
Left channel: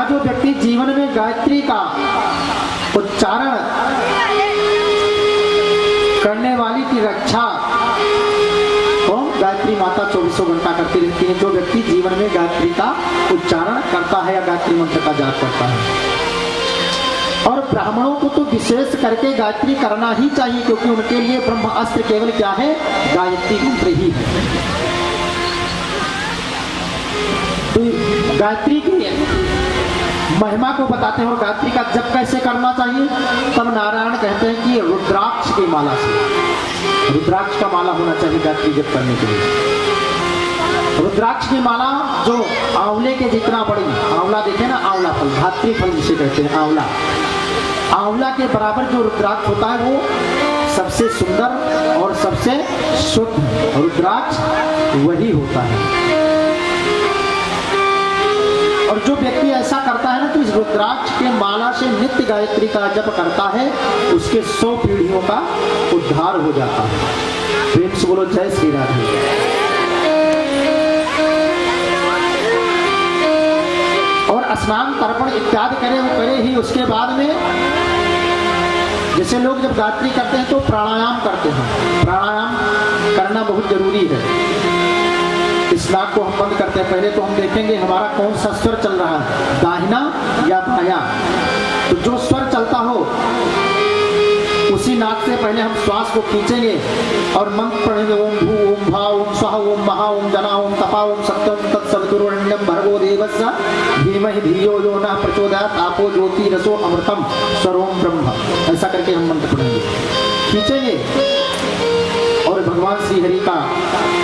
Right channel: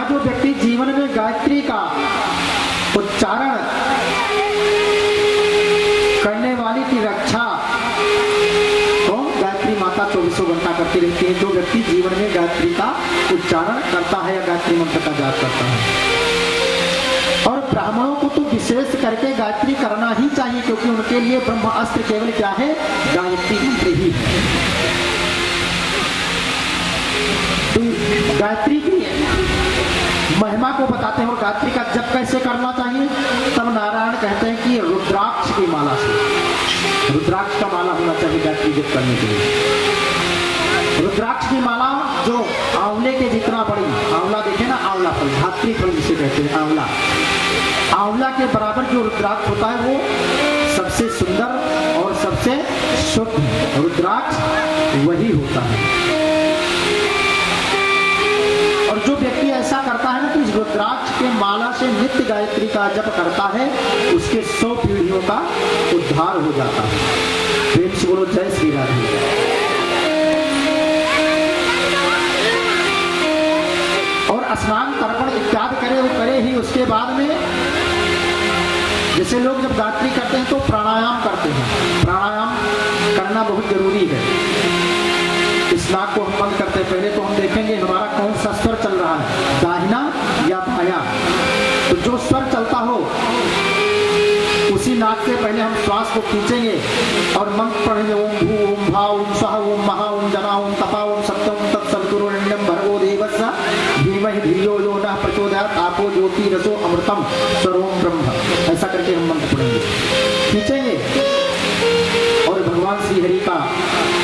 जो व्यक्ति जीवन में गायत्री का उच्चारण करने वाली की रक्षा तो गायत्री माता 24 घंटा करती रहती है। जो व्यक्ति जीवन में गायत्री का उच्चारण करता है या गायत्री मंत्र का जाप करता है, और ब्राह्मणों को तो विशेष करके गायत्री करना ही चाहिए, क्योंकि उनके लिए ब्रह्म अस्त्र केवल क्या है, गायत्री मंत्र ही है। तो गायत्री की महिमा को बताते हैं और गायत्री का जप कैसे करना चाहिए। तब नारायण कहते हैं कि रुद्राक्ष की माला से, रुद्राक्ष का माला होना चाहिए गायत्री जप करने के लिए। रुद्राक्ष की माला जो आंवले के जितना बड़ी, आंवला देखे ना, आंवला फल, धात्री फल जिसे कहते हैं, आंवला, आंवला के बराबर जो रुद्राक्ष होता है वो सबसे सुंदर और सबसे शुद्ध रुद्राक्ष वही होता है। और जो व्यक्ति ऐसा करता है ना, तो इस रुद्राक्ष के माला से नित्य गायत्री का जप करता है, उसके 100 पीढ़ियों का उद्धार हो जाता है। प्रेम से बोलो जय श्री राधे। और स्नान तर्पण इत्यादि करे ही उसके बाद में, जैसे लोग जब गायत्री करते हैं तो प्राणायाम करते हैं। प्राणायाम करना बहुत जरूरी है। इस नाक को हम बंद करते हैं, पहले तो हम देखेंगे हमारा कौन सा स्वर चल रहा है, दाहिना या बायां। तो जो स्वर चलता हो उसी नाक से पहले हम श्वास को खींचेंगे और मंत्र पढ़ेंगे, ओम भू ओम भा ओम सह ओम महा ओम जना ओम तपा ओम सप्तम तत्सवितुर्वरेण्यं भर्गो देवस्य धीमहि धियो यो नः प्रचोदयात् आपो ज्योति रसो अमृतम स्वरोम ब्रह्म। ऐसा करके हम मंत्र पढ़ेंगे, खींचेंगे और भगवान श्री हरि का,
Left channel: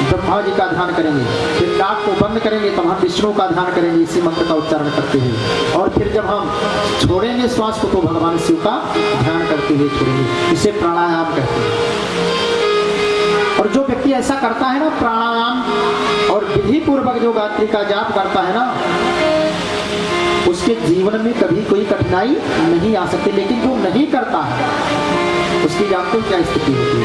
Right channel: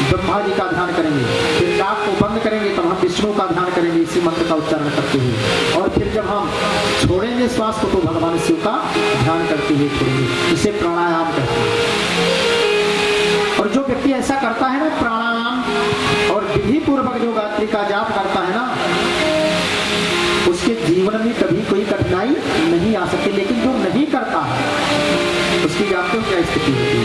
ब्रह्मा जी का ध्यान करेंगे। फिर नाक को बंद करेंगे, तब हम विष्णु का ध्यान करेंगे इसी मंत्र का उच्चारण करते हुए। और फिर जब हम छोड़ेंगे श्वास को तो भगवान शिव का ध्यान करते हुए छोड़ेंगे। इसे प्राणायाम कहते हैं। और जो व्यक्ति ऐसा करता है ना, प्राणायाम और विधि पूर्वक जो गायत्री का जाप करता है ना, उसके जीवन में कभी कोई कठिनाई नहीं आ सकती। लेकिन जो नहीं करता है उसकी जानते हो क्या स्थिति होती है?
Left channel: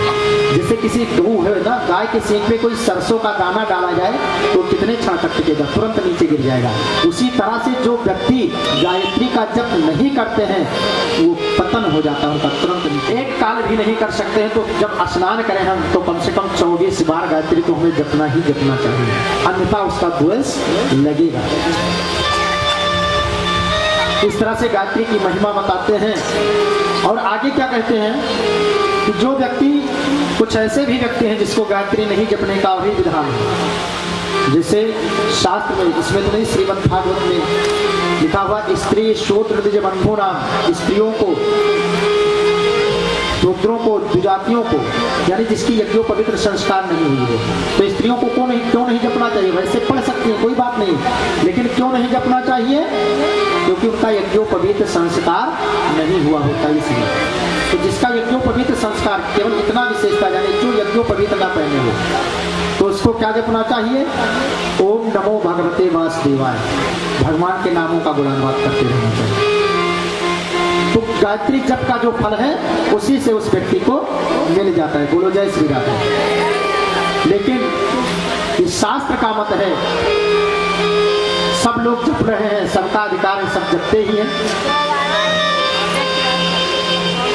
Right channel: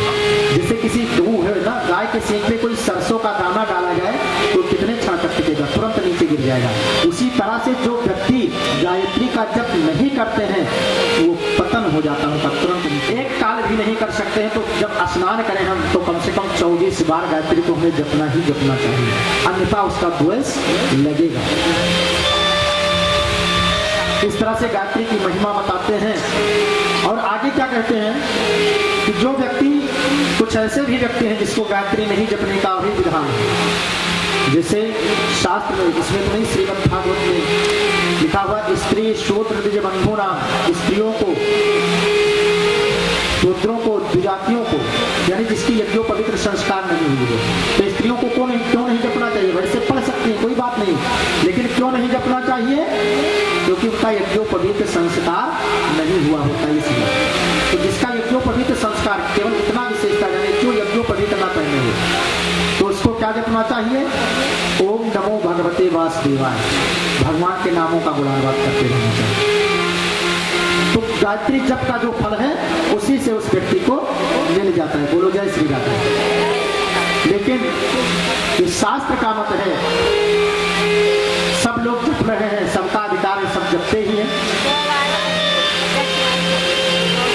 जैसे किसी है ना, गाय के सींग में कोई सरसों का दाना डाला जाए तो कितने क्षण तक टिकेगा, तुरंत नीचे गिर जाएगा। उसी तरह से जो व्यक्ति गायत्री का जप नहीं करते हैं वो पतन हो जाता है उनका, तुरंत नीचे। एक काल भी नहीं कर सकते हैं तो जब स्नान करें हम तो कम से कम 24 बार गायत्री को हमें जपना ही जपना चाहिए, अन्यथा उसका द्वेष लगेगा। इस तरह से गायत्री की महिमा बताते हैं। और आगे क्या कहते हैं कि जो व्यक्ति, कुछ ऐसे भी व्यक्ति हैं जिसको गायत्री नहीं जपने का भी विधान है। जैसे शास्त्र में, इसमें तो नहीं, श्रीमद् भागवत में लिखा हुआ, स्त्री शूद्र द्विज बंधु नाम, स्त्रियों को, शूद्रों को, द्विजातियों को, यानी जिसकी यज्ञोपवित्र संस्कार नहीं हुई है, तो स्त्रियों को क्यों नहीं जपना चाहिए? वैसे पढ़ सकती हैं, कोई बात नहीं, लेकिन क्यों नहीं जपना चाहिए? क्योंकि उनका यज्ञोपवित्र संस्कार नहीं हुआ होता इसलिए। तो जिसका यज्ञोपवित्र संस्कार, केवल इतना विशेषता, यानी जो यज्ञोपवित्र ना पहने हो, तो उसको क्या जपना चाहिए? ओम नमो भगवते वासुदेवाय, भगवान के नामों का गुणानुवाद करते रहना चाहिए। तो गायत्री जप का जो फल है उसी से उस व्यक्ति को मिल जाता है। बोलो जय श्री राधे। लेकिन इस शास्त्र का मत है सब लोग जप रहे हैं, सबका अधिकार है, सब जपते ही हैं।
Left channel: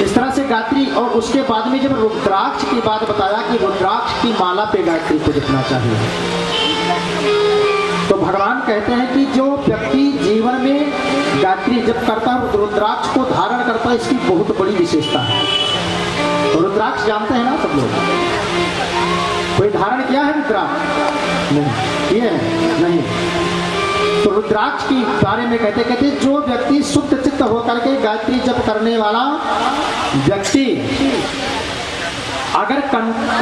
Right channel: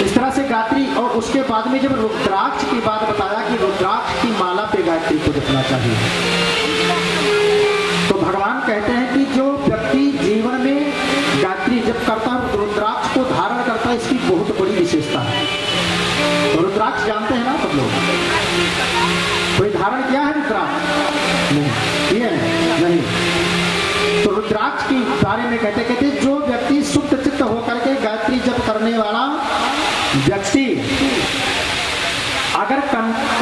इस तरह से गायत्री, और उसके बाद में जब रुद्राक्ष की बात बताया कि रुद्राक्ष की माला पे गायत्री को जपना चाहिए, तो भगवान कहते हैं कि जो व्यक्ति जीवन में गायत्री जप करता है, रुद्राक्ष को धारण करता है, इसकी बहुत बड़ी विशेषता है। तो रुद्राक्ष जानते हैं ना सब लोग? कोई धारण किया है रुद्राक्ष? नहीं, ये नहीं। तो रुद्राक्ष के बारे में कहते जो व्यक्ति शुद्ध चित्त होकर के गायत्री जप करने वाला व्यक्ति अगर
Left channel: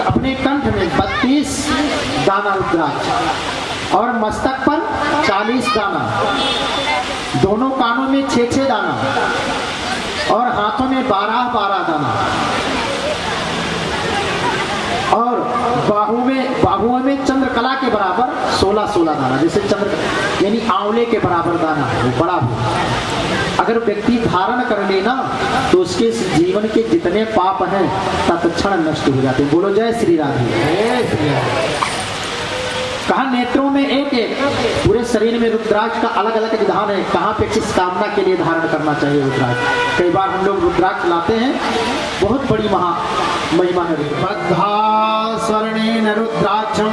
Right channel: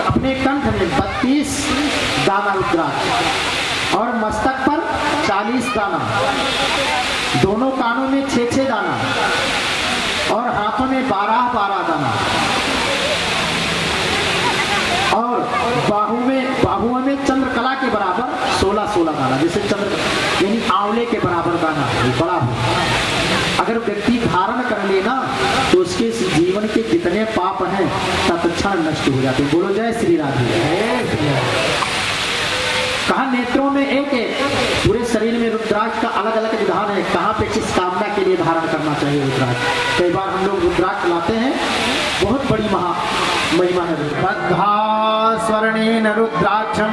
अपने कंठ में 32 दाना रुद्राक्ष और मस्तक पर 40 दाना, दोनों कानों में 6-6 दाना और हाथों में 12-12 दाना और बाहुओं में चंद्रकला के बराबर 16-16 दाना, जैसे चंद्र यानी आंवले के बराबर दाना है, बड़ा हो। अगर व्यक्ति धारण कर लेना तो उसके जीवन के जितने पाप हैं तत्क्षण नष्ट हो जाते हैं। बोलो जय श्री राधे। कहा नेत्रों में एक एक, पूरे शरीर में रुद्राक्ष का अलग अलग विधान है, कहाँ पे किस कामना के लिए धारण करना चाहिए रुद्राक्ष। कई बार हम लोग रुद्राक्ष लाते हैं, बहुत बड़ी महिमा है। बद्धा स्वर्णेन रुद्राक्षं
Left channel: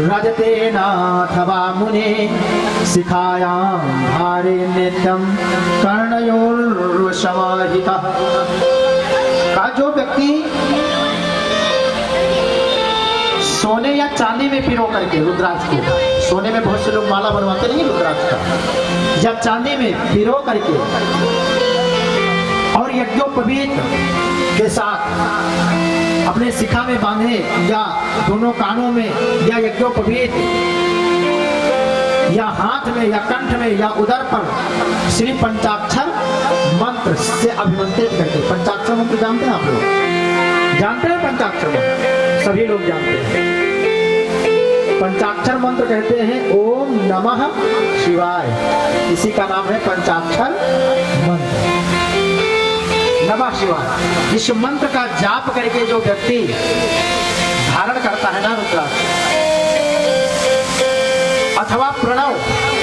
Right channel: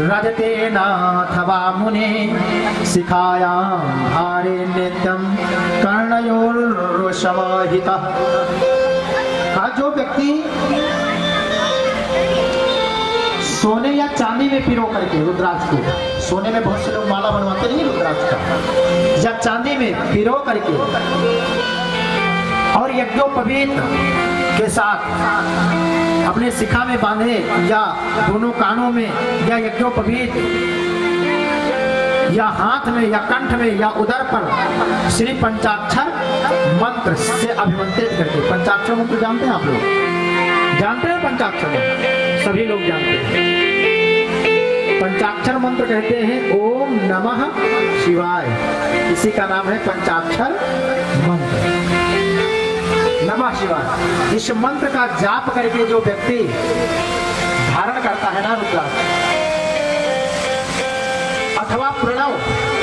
रजतेनाथवा मुने शिखायां धारे नित्यं कर्णयोर्समाहितः। का जो व्यक्ति सोने या चांदी में पिरो करके रुद्राक्ष को, सोने में बहुत से लोग माला बनवाते नहीं रुद्राक्ष का, या चांदी में पिरो करके और यज्ञोपवीत के साथ अपने शिखा में बांधे या दोनों कानों में या यज्ञोपवीत या हाथ में या कंठ में या उदर पर श्री पंचाक्षर मंत्र से अभिमंत्रित करके, पंचाक्षर मंत्र जानते हैं आप लोग? जानते हैं पंचाक्षर मंत्र? सभी लोग जानते हैं। पंचाक्षर मंत्र कहते हैं ओम नमः शिवाय, इसी का नाम है पंचाक्षर मंत्र, नमः शिवाय। इस मंत्र का जाप करके जो व्यक्ति धारण करता है ना रुद्राक्ष, अथवा प्रणव,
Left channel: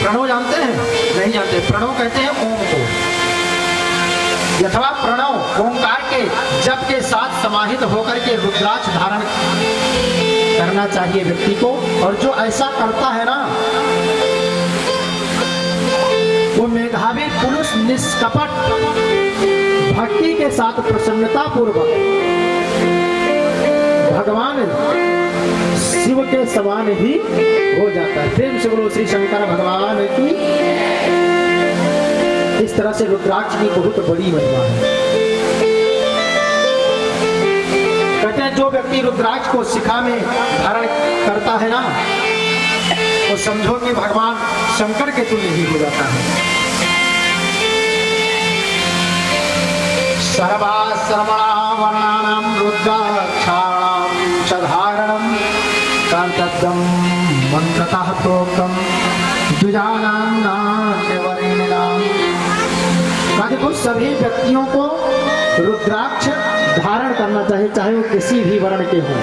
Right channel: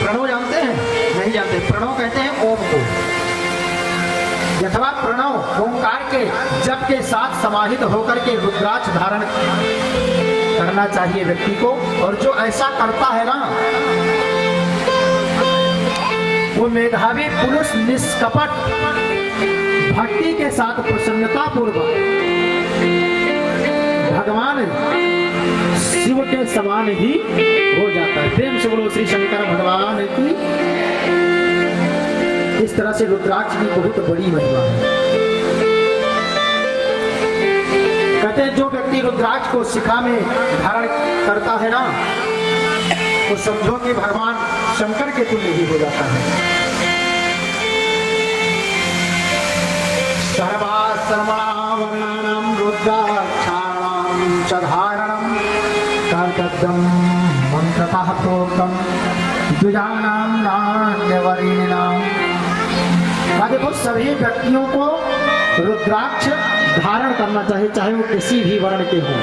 प्रणव जानते हैं? नहीं जानते। प्रणव कहते हैं ओम को, अथवा प्रणव ओंकार के जप के साथ समाहित होकर के रुद्राक्ष धारण करना चाहिए व्यक्ति को। और जो ऐसा करता है ना, वो मेधावी पुरुष निष्कपट भक्ति के साथ प्रसन्नता पूर्वक भगवान शिव के समान ही हो जाता है। प्रेम से बोलो श्री शंकर भगवान की। इस तरह से रुद्राक्ष की बहुत बड़ी महिमा है। कहते हैं जो व्यक्ति रुद्राक्ष को शिखा में धारण करता है ना, तो समझो कि भगवान शंकर के तुल्य ही हो जाता है। सर्वासर्वणावर्णानां रुद्राक्षाणां च धारणं कर्तव्यं मन्त्रतः प्रोक्तं द्विजानां नान्यवरेणां। देखो सभी व्यक्तियों को रुद्राक्ष धारण करना चाहिए, चाहे वो किसी भी वर्ण के हों।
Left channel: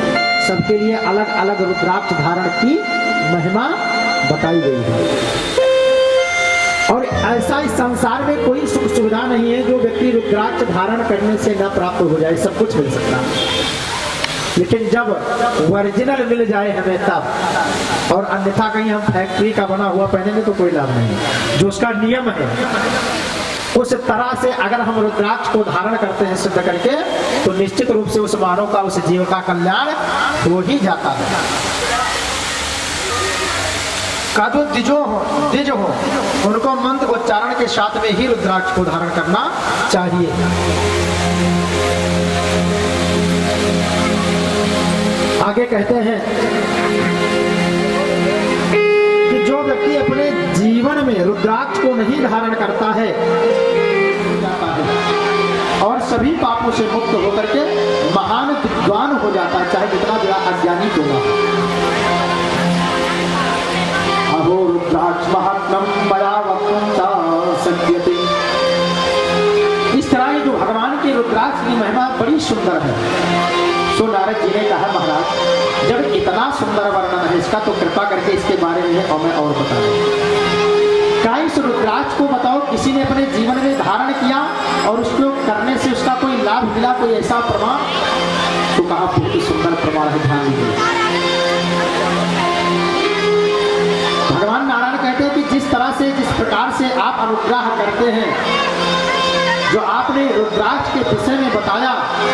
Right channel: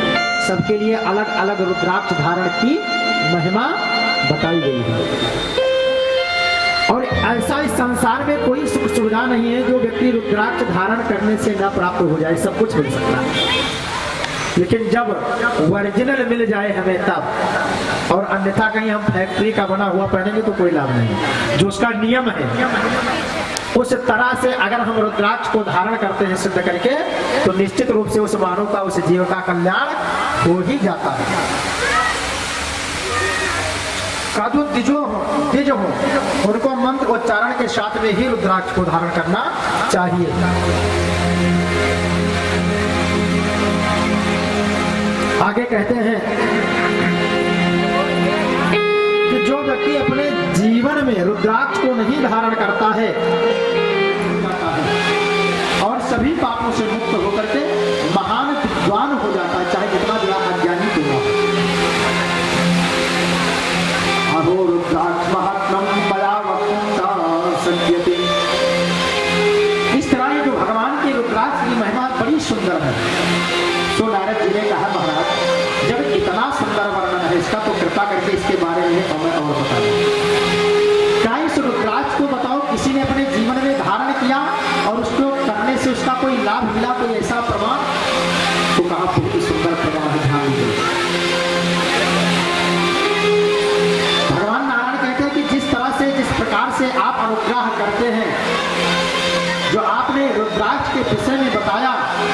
सबके लिए अलग अलग रुद्राक्ष धारण की महिमा बताई गई है। और ऐसा इस संसार में कोई सुख सुविधा नहीं है जो व्यक्ति रुद्राक्ष धारण करने से न प्राप्त हो जाए। सब कुछ मिल सकता है, लेकिन जब ओरिजिनल मिल जाए हमें तब। और अन्यथा कहीं हम फैक्ट्री का बना हुआ पहनेंगे तो कोई लाभ नहीं। जो उसका नियम है उस तरह से अगर हम रुद्राक्ष को धारण करते हैं सिद्ध करके, तो निश्चित रूप से उस मानव का, उस जीव का कल्याण हो ही जाता है। का जो द्विज हो उनको मंत्र उच्चारण के साथ में ही रुद्राक्ष को धारण करना चाहिए। आगे कहते हैं कि जो व्यक्ति अपने जीवन में रुद्राक्ष को नहीं धारण करता है और सभी पापों से मुक्त होकर के महान विद्वान हो जाता है, चाहे कितना बड़ा अज्ञानी क्यों ना हो। अहो रुद्राक्ष महात्मम बड़ा वक्ता सज्जते। इस तरह जो भगवान के रुद्राक्ष की महिमा बड़ी सुंदर है। सो नारद जी ने कहा, महाराज जब इतना सुंदर वर्णन है इसका, तो कृपा करके इसके बारे में हमें और बता दो। क्या इस रुद्राक्ष को बताओ किसी ने अपने जीवन में धारण किया और उसको करने से उसका कोई लाभ मिला, कोई ऐसा प्रमाण? तो कहा बहुत ही सुंदर प्रमाण है, ध्यान दीजिए। भगवान नारायण कहते हैं कि जिस तरह से, जिस प्रकार से आप अनुग्रह करते हैं, जो आपने रुद्राक्ष के विषय में बताया,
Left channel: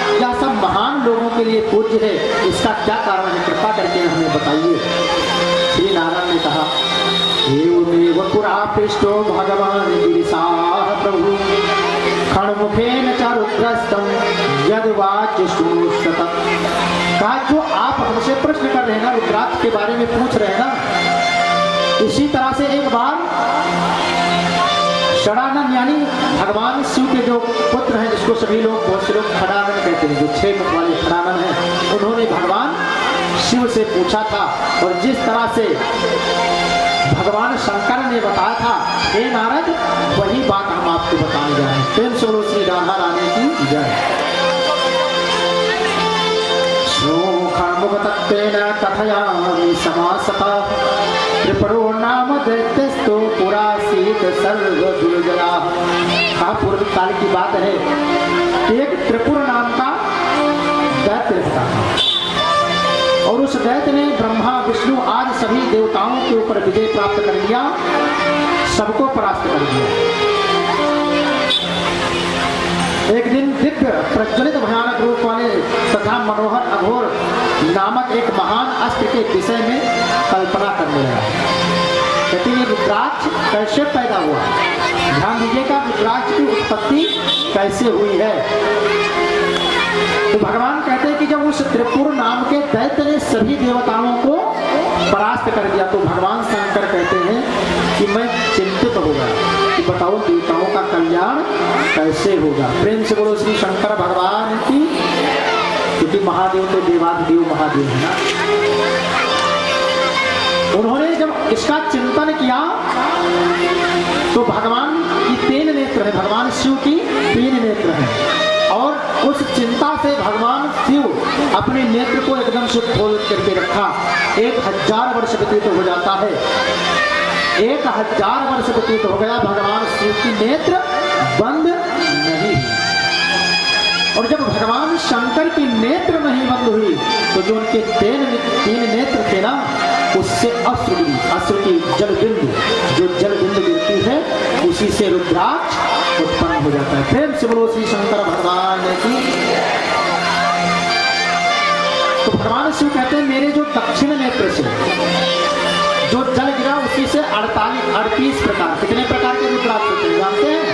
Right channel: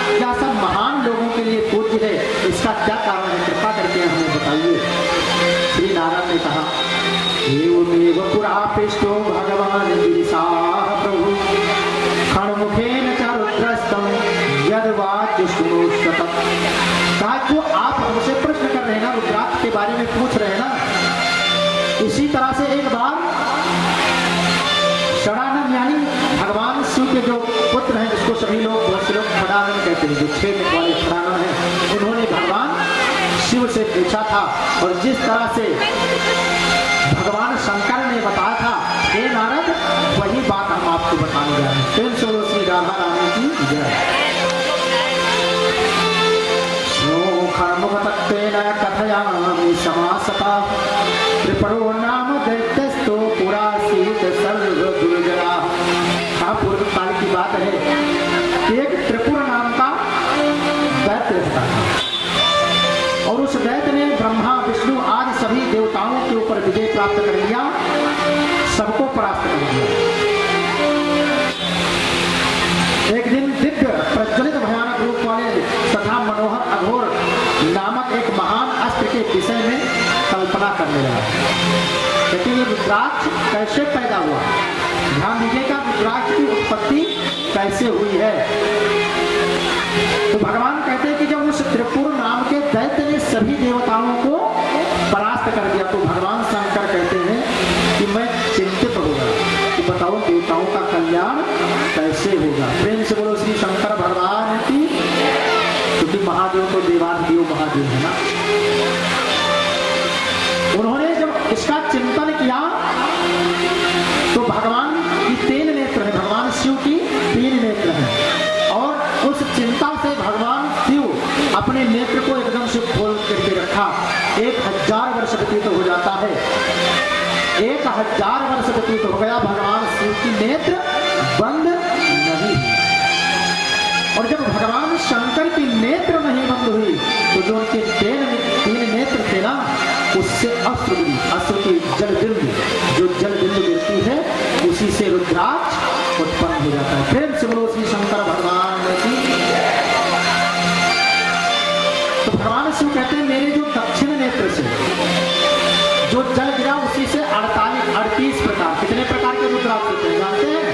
क्या सब महान लोगों के लिए पूज्य है? इसका क्या कारण है? कृपा करके हमें बताइए। श्री नारायण ने कहा, एवमेव पुरा पृष्ठो भगवान गिरिशाः प्रभु खण्मुखेन च रुद्रस्तं यद्वाच्यश्रुणोष्यत। कहा जो आप हमसे प्रश्न कर रहे हैं ना, रुद्राक्ष के बारे में पूछ रहे हैं ना, इसी तरह से एक बार षडानन यानी भगवान शिव के जो पुत्र हैं, जिसको सभी लोग, बहुत से लोग खड़ानन कहते हैं, जो 6 मुख वाले खड़ानन हैं, उन्होंने भगवान शिव से पूछा था। और जिस तरह से भगवान शंकर ने बताया था, हे नारद, वही बात हम आपको बताने जा रहे हैं। प्रेम से बोलो श्री राधा रानी की जय। खण्मुखतत्त्वेन कथयामि समासतः त्रिपुरो नाम दैत्यस्तो पुरासीत् सर्वदुर्जनः। कहा पूर्व काल की बात है, एक त्रिपुर नाम का दैत्य रहता था और उस दैत्य ने ब्रह्मा विष्णु आदि सभी देवताओं के ऊपर विजय प्राप्त कर लिया, सबको परास्त कर दिया। एक दिन दिव्य प्रज्वलित भयानक रूप वाले तथा मनोहर अघोर नामक एक महान अस्त्र के विषय में कल्पना करने लगा। लेकिन ये रुद्राक्ष कैसे पैदा हुआ? ध्यान दीजिएगा, रुद्राक्ष की उत्पत्ति कैसे हुई है। तो भगवान कहते हैं कि जब उस त्रिपुर नाम के दैत्य ने सभी देवताओं को परास्त कर दिया, तो भगवान शंकर कहते हैं कि मैं चिंतित हो गया कि बताओ देवताओं का कल्याण कैसे होगा। प्रेम से बोलो श्री शंकर भगवान की। क्योंकि महादेव तो देवाधिदेव महादेव है ना। उन्होंने जब इसका चिंतन किया तो भगवान की 3 नेत्र है, भगवान शिव की 3 नेत्र हैं, और उस चिंता से भगवान शिव अपने नेत्र को एकदम से खोल करके रखा। 1000 वर्ष व्यतीत हो जाता है, 1000 वर्ष व्यतीत हो गया, भगवान शिव की नेत्र बंद नहीं। और जब भगवान शंकर की नेत्र नहीं बंद हुई तो जो उनके तीन नेत्र थे ना, उससे अश्रु की जल बिंदु, जो जल बिंदु गिरती है उसी से रुद्राक्ष उत्पन्न हो जाता है। फिर से बोलो श्री शंकर भगवान की। तो भगवान शिव कहते हैं मेरे जो दक्षिण नेत्र से जो जल गिरा उसी से 38 प्रकार, कितने प्रकार के रुद्राक्ष होते हैं जानते हैं?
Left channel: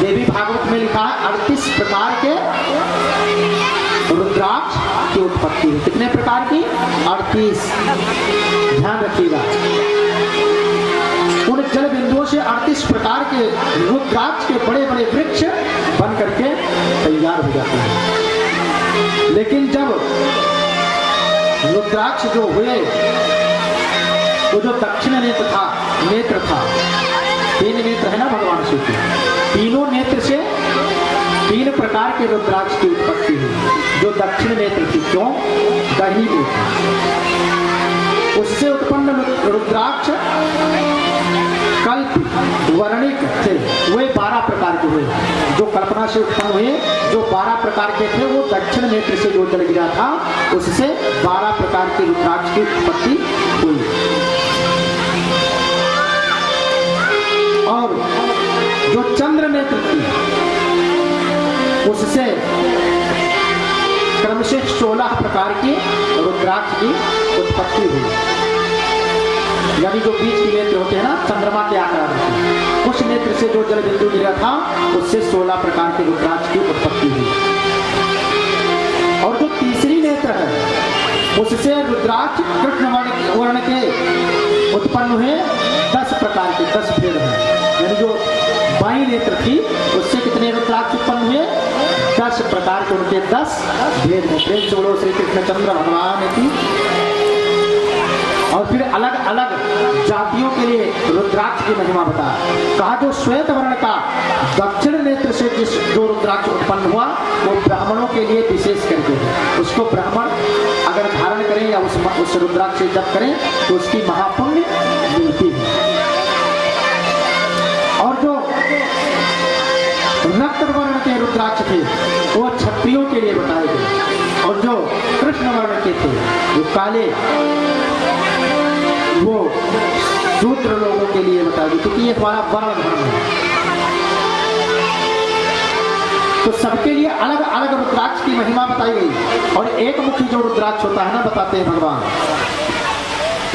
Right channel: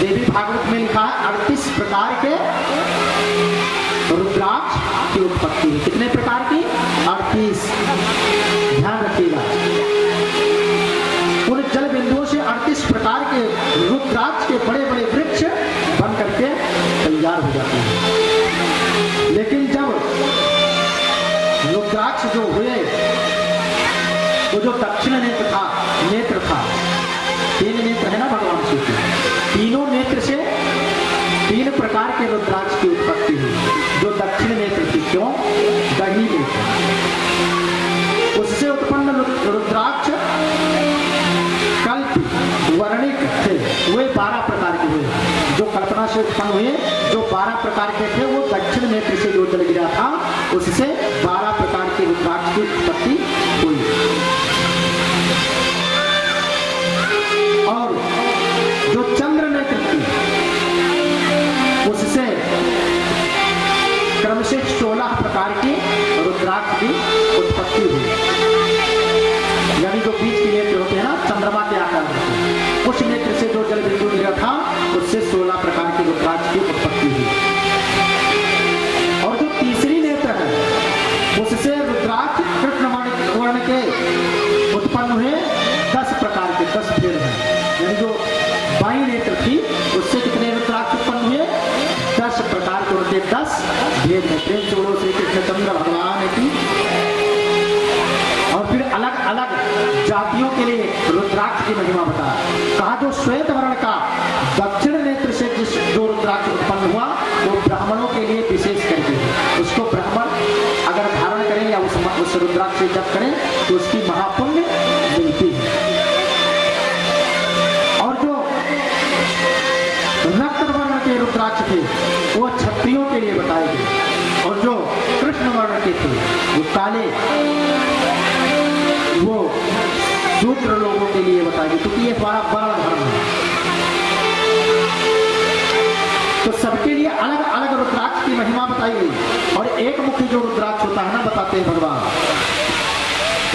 देवी भागवत में लिखा है 38 प्रकार के रुद्राक्ष की उत्पत्ति है। कितने प्रकार की? 38। ध्यान रखिएगा, उन जल बिंदुओं से 38 प्रकार के रुद्राक्ष के बड़े बड़े वृक्ष बन करके तैयार हो जाते हैं। लेकिन जब रुद्राक्ष जो हुए, वो जो दक्षिण नेत्र था, 3 नेत्र है ना भगवान शिव के, तीनों नेत्र से 3 प्रकार के रुद्राक्ष की उत्पत्ति हुई। जो दक्षिण नेत्र थी, क्यों? दही नेत्र, उससे उत्पन्न रुद्राक्ष कल्प वर्णिक थे, वे 12 प्रकार के हुए। जो कल्पना से उत्पन्न हुए जो 12 प्रकार के थे, वो दक्षिण नेत्र से जो जल गिरा था उससे 12 प्रकार के रुद्राक्ष की उत्पत्ति हुई। और जो चंद्र नेत्र थी, उससे क्रमशः 16 प्रकार के रुद्राक्ष की उत्पत्ति हुई। यानी जो बीच के नेत्र होते हैं ना, चंद्रमा के आकार में, उस नेत्र से जो जल बिंदु गिरा था उससे 16 प्रकार के रुद्राक्ष की उत्पत्ति हुई। और जो तीसरी नेत्र है, उससे रुद्राक्ष कृष्ण वर्ण के उत्पन्न हुए 10 प्रकार के, 10 भेद हैं। यानी जो बाई नेत्र थी उससे कितने रुद्राक्ष उत्पन्न हुए? 10 प्रकार के, उनके 10 भेद हैं। प्रेम से बोलो श्री कृष्णचंद्र भगवान की। और फिर अलग अलग जातियों के लिए रुद्राक्ष की महिमा बताया। कहा जो श्वेत वर्ण का दक्षिण नेत्र से जो रुद्राक्ष उत्पन्न हुआ वो ब्राह्मणों के लिए विशेष करके है। उसको ब्राह्मण अगर धारण करें या उस रुद्राक्ष से जप करें तो उसकी महापुण्य मिलती है। और जो रक्त वर्ण के रुद्राक्ष थे वो क्षत्रियों के लिए बताए गए। और जो कृष्ण वर्ण के थे, जो काले, वो शूद्र लोगों के लिए बताया गया, क्योंकि ये हमारा बड़ा धर्म है। तो सबके लिए अलग अलग रुद्राक्ष की महिमा बताई गई। और एक मुखी जो रुद्राक्ष होता है ना, बताते हैं भगवान,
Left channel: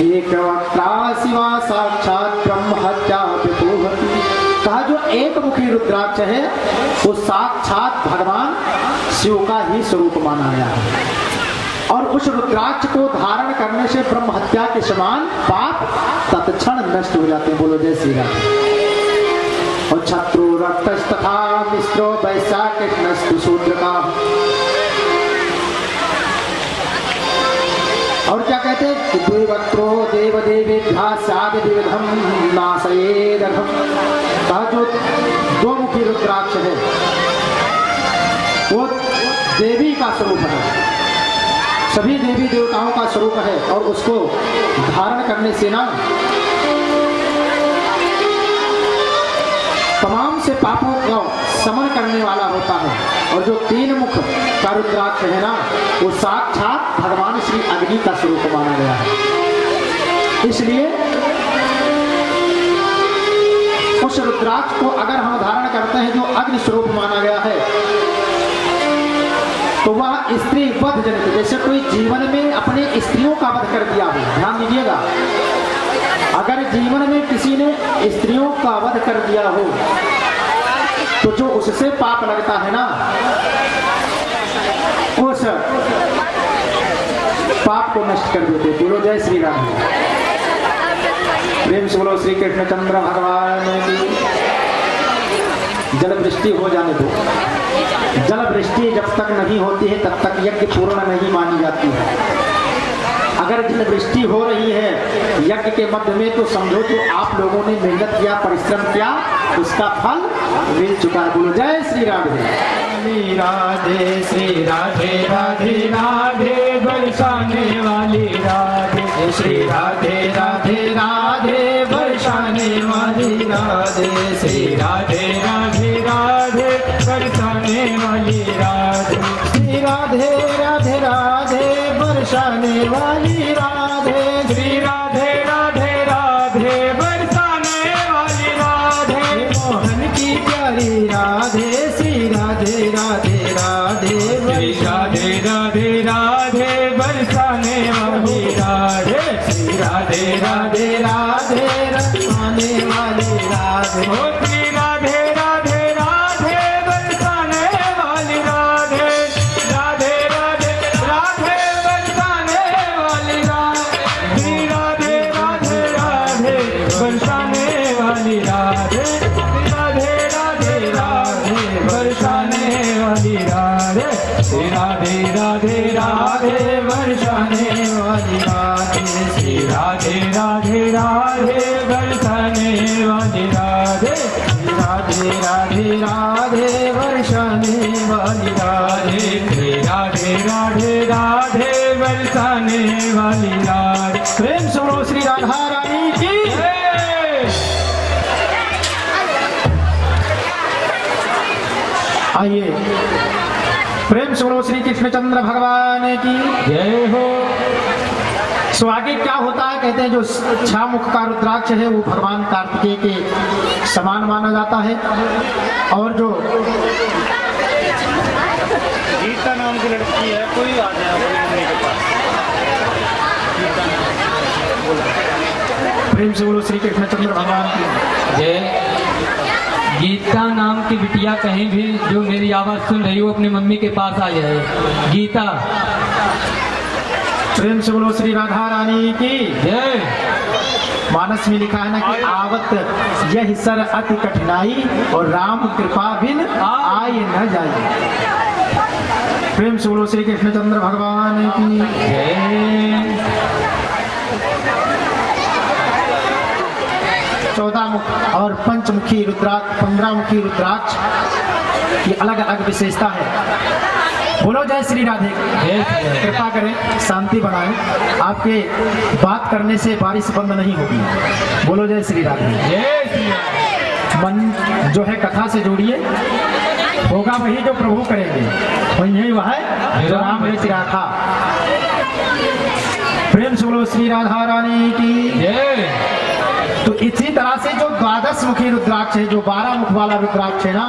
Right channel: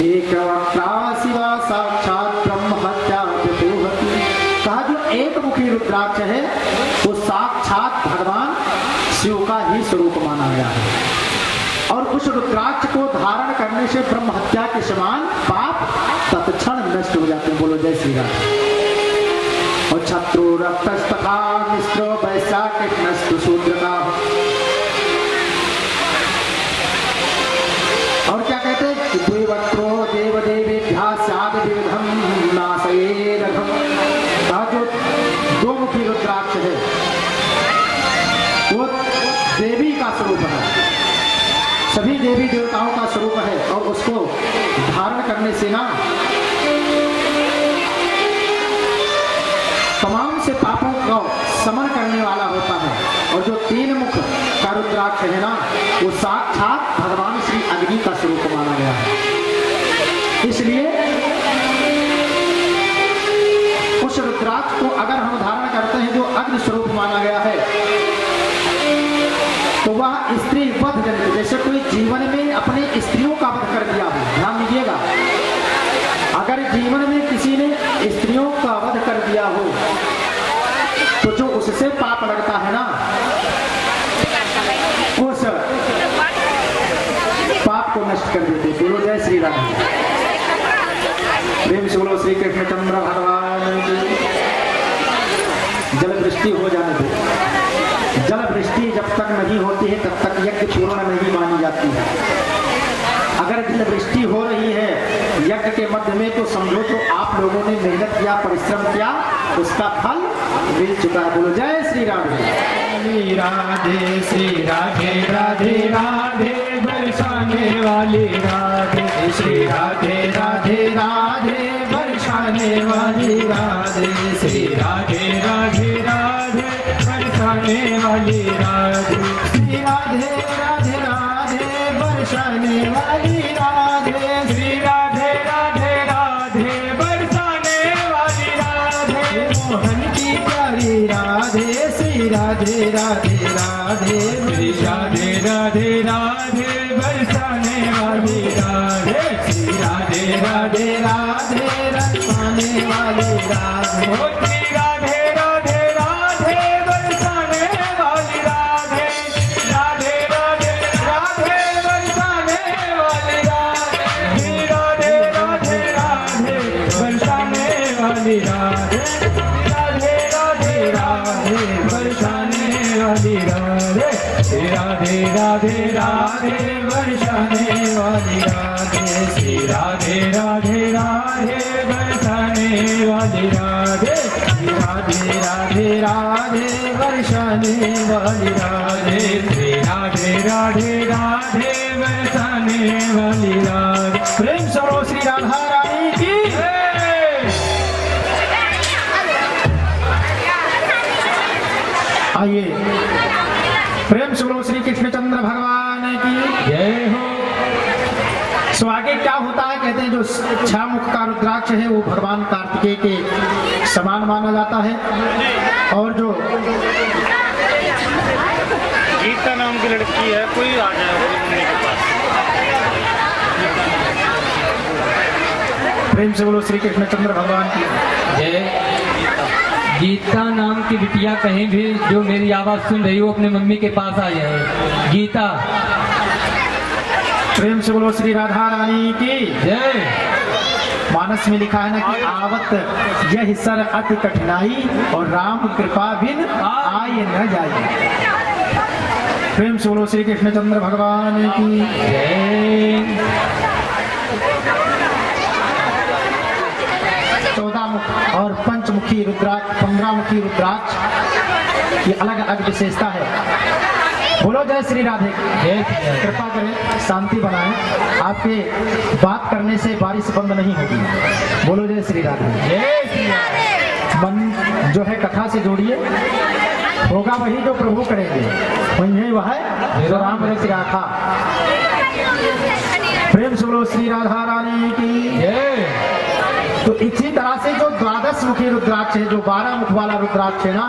एक वक्ता शिवा साक्षात ब्रह्म हत्या विदुहति। कहा जो एक मुखी रुद्राक्ष है वो साक्षात भगवान शिव का ही स्वरूप माना गया है। और उस रुद्राक्ष को धारण करने से ब्रह्म हत्या के समान पाप तत्क्षण नष्ट हो जाते हैं। बोलो जय श्री राम। और शत्रु रक्तस्तथा मिश्रो वैशाखस्तु शूद्र का। और क्या कहते हैं? द्विवक्त्रो देव देवेभ्यः स्याद विविधं नाशयेदघम्। कहा जो 2 मुखी रुद्राक्ष है वो देवी का स्वरूप है, सभी देवी देवताओं का स्वरूप है। और उसको धारण करने से ना तमाम से पापों को समन करने वाला होता है। और जो 3 मुख का रुद्राक्ष है ना, वो साक्षात भगवान श्री अग्नि का स्वरूप माना गया है। इसलिए उस रुद्राक्ष को अगर हम धारण करते हैं जो अग्नि स्वरूप माना गया है, तो वह स्त्री वध जनित, जैसे कोई जीवन में अपने स्त्रियों का वध कर दिया हो, ध्यान दीजिएगा, अगर जीवन में किसी ने स्त्रियों का वध कर दिया हो तो जो उससे पाप लगता है ना, उस पाप को नष्ट कर देते। बोलो जय श्री राम। प्रेम से बोलो श्री कृष्णचंद्र भगवान की। जल वृष्टि हो जाने दो। जल वृष्टि जब तक नहीं होती है तब तक यज्ञ पूर्ण नहीं मानी जाती है। अगर जल वृष्टि हो रही है यज्ञ के मध्य में, तो समझो तो आप लोगों ने मेहनत किया, परिश्रम किया, उसका फल मिल चुका है। बोलो जय श्री राधे। राधे श्री राधे राधे राधे बरसाने वाली राधे श्री राधे राधे राधे बरसाने वाली राधे श्री राधे राधे राधे बरसाने वाली राधे। श्री राधे राधे राधे बरसाने वाली राधे राधे राधे राधे बरसाने वाली राधे श्री राधे राधे राधे बरसाने वाली राधे राधे राधे राधे बरसाने वाली राधे श्री राधे राधे राधे बरसाने वाली राधे श्री राधे राधे राधे बरसाने वाली राधे श्री राधे राधे राधे बरसाने वाली राधे श्री राधे राधे राधे बरसाने वाली राधे। प्रेम से बोलो श्री राधा रानी की। आइए प्रेम से बोलो श्री कृष्णचंद्र भगवान की जय हो। सो आगे क्या होता है, कहते हैं जो छामुख का रुद्राक्ष है वो भगवान कार्तिकेय के समान माना जाता है, और जो गीता नाम की लड़की है, कोई आ जाए प्रेम से बोलो श्री कृष्णचंद्र भगवान की जय। गीता नाम की बिटिया कहीं भी जो मेरी आवाज सुन रही हो अपने मम्मी के पास आ जाए। गीता। प्रेम से बोलो श्री राधा रानी की जय। मानस में लिखा है ना कि आवत यह सर अति कठिनाई और राम कृपा बिन आए न जाए। प्रेम से बोलो श्री कृष्णचंद्र भगवान की जय। 14 मुख और पंचमुखी रुद्राक्ष, 15 मुखी रुद्राक्ष की अलग अलग विशेषता है। बोलो जय श्री राधे। कृपा करें शांति बनाएं, आपके बात करने से बारिश बंद नहीं होगी। बोलो जय श्री राधे। मन जो है कथा से जोड़िए, होगा वही जो प्रभु करेंगे, वही वह है जो राम रच रखा। प्रेम से बोलो श्री राधा रानी की जय। तो इसी तरह से जो 12 मुखी रुद्राक्ष है, जो 12 मुख वाला रुद्राक्ष है ना,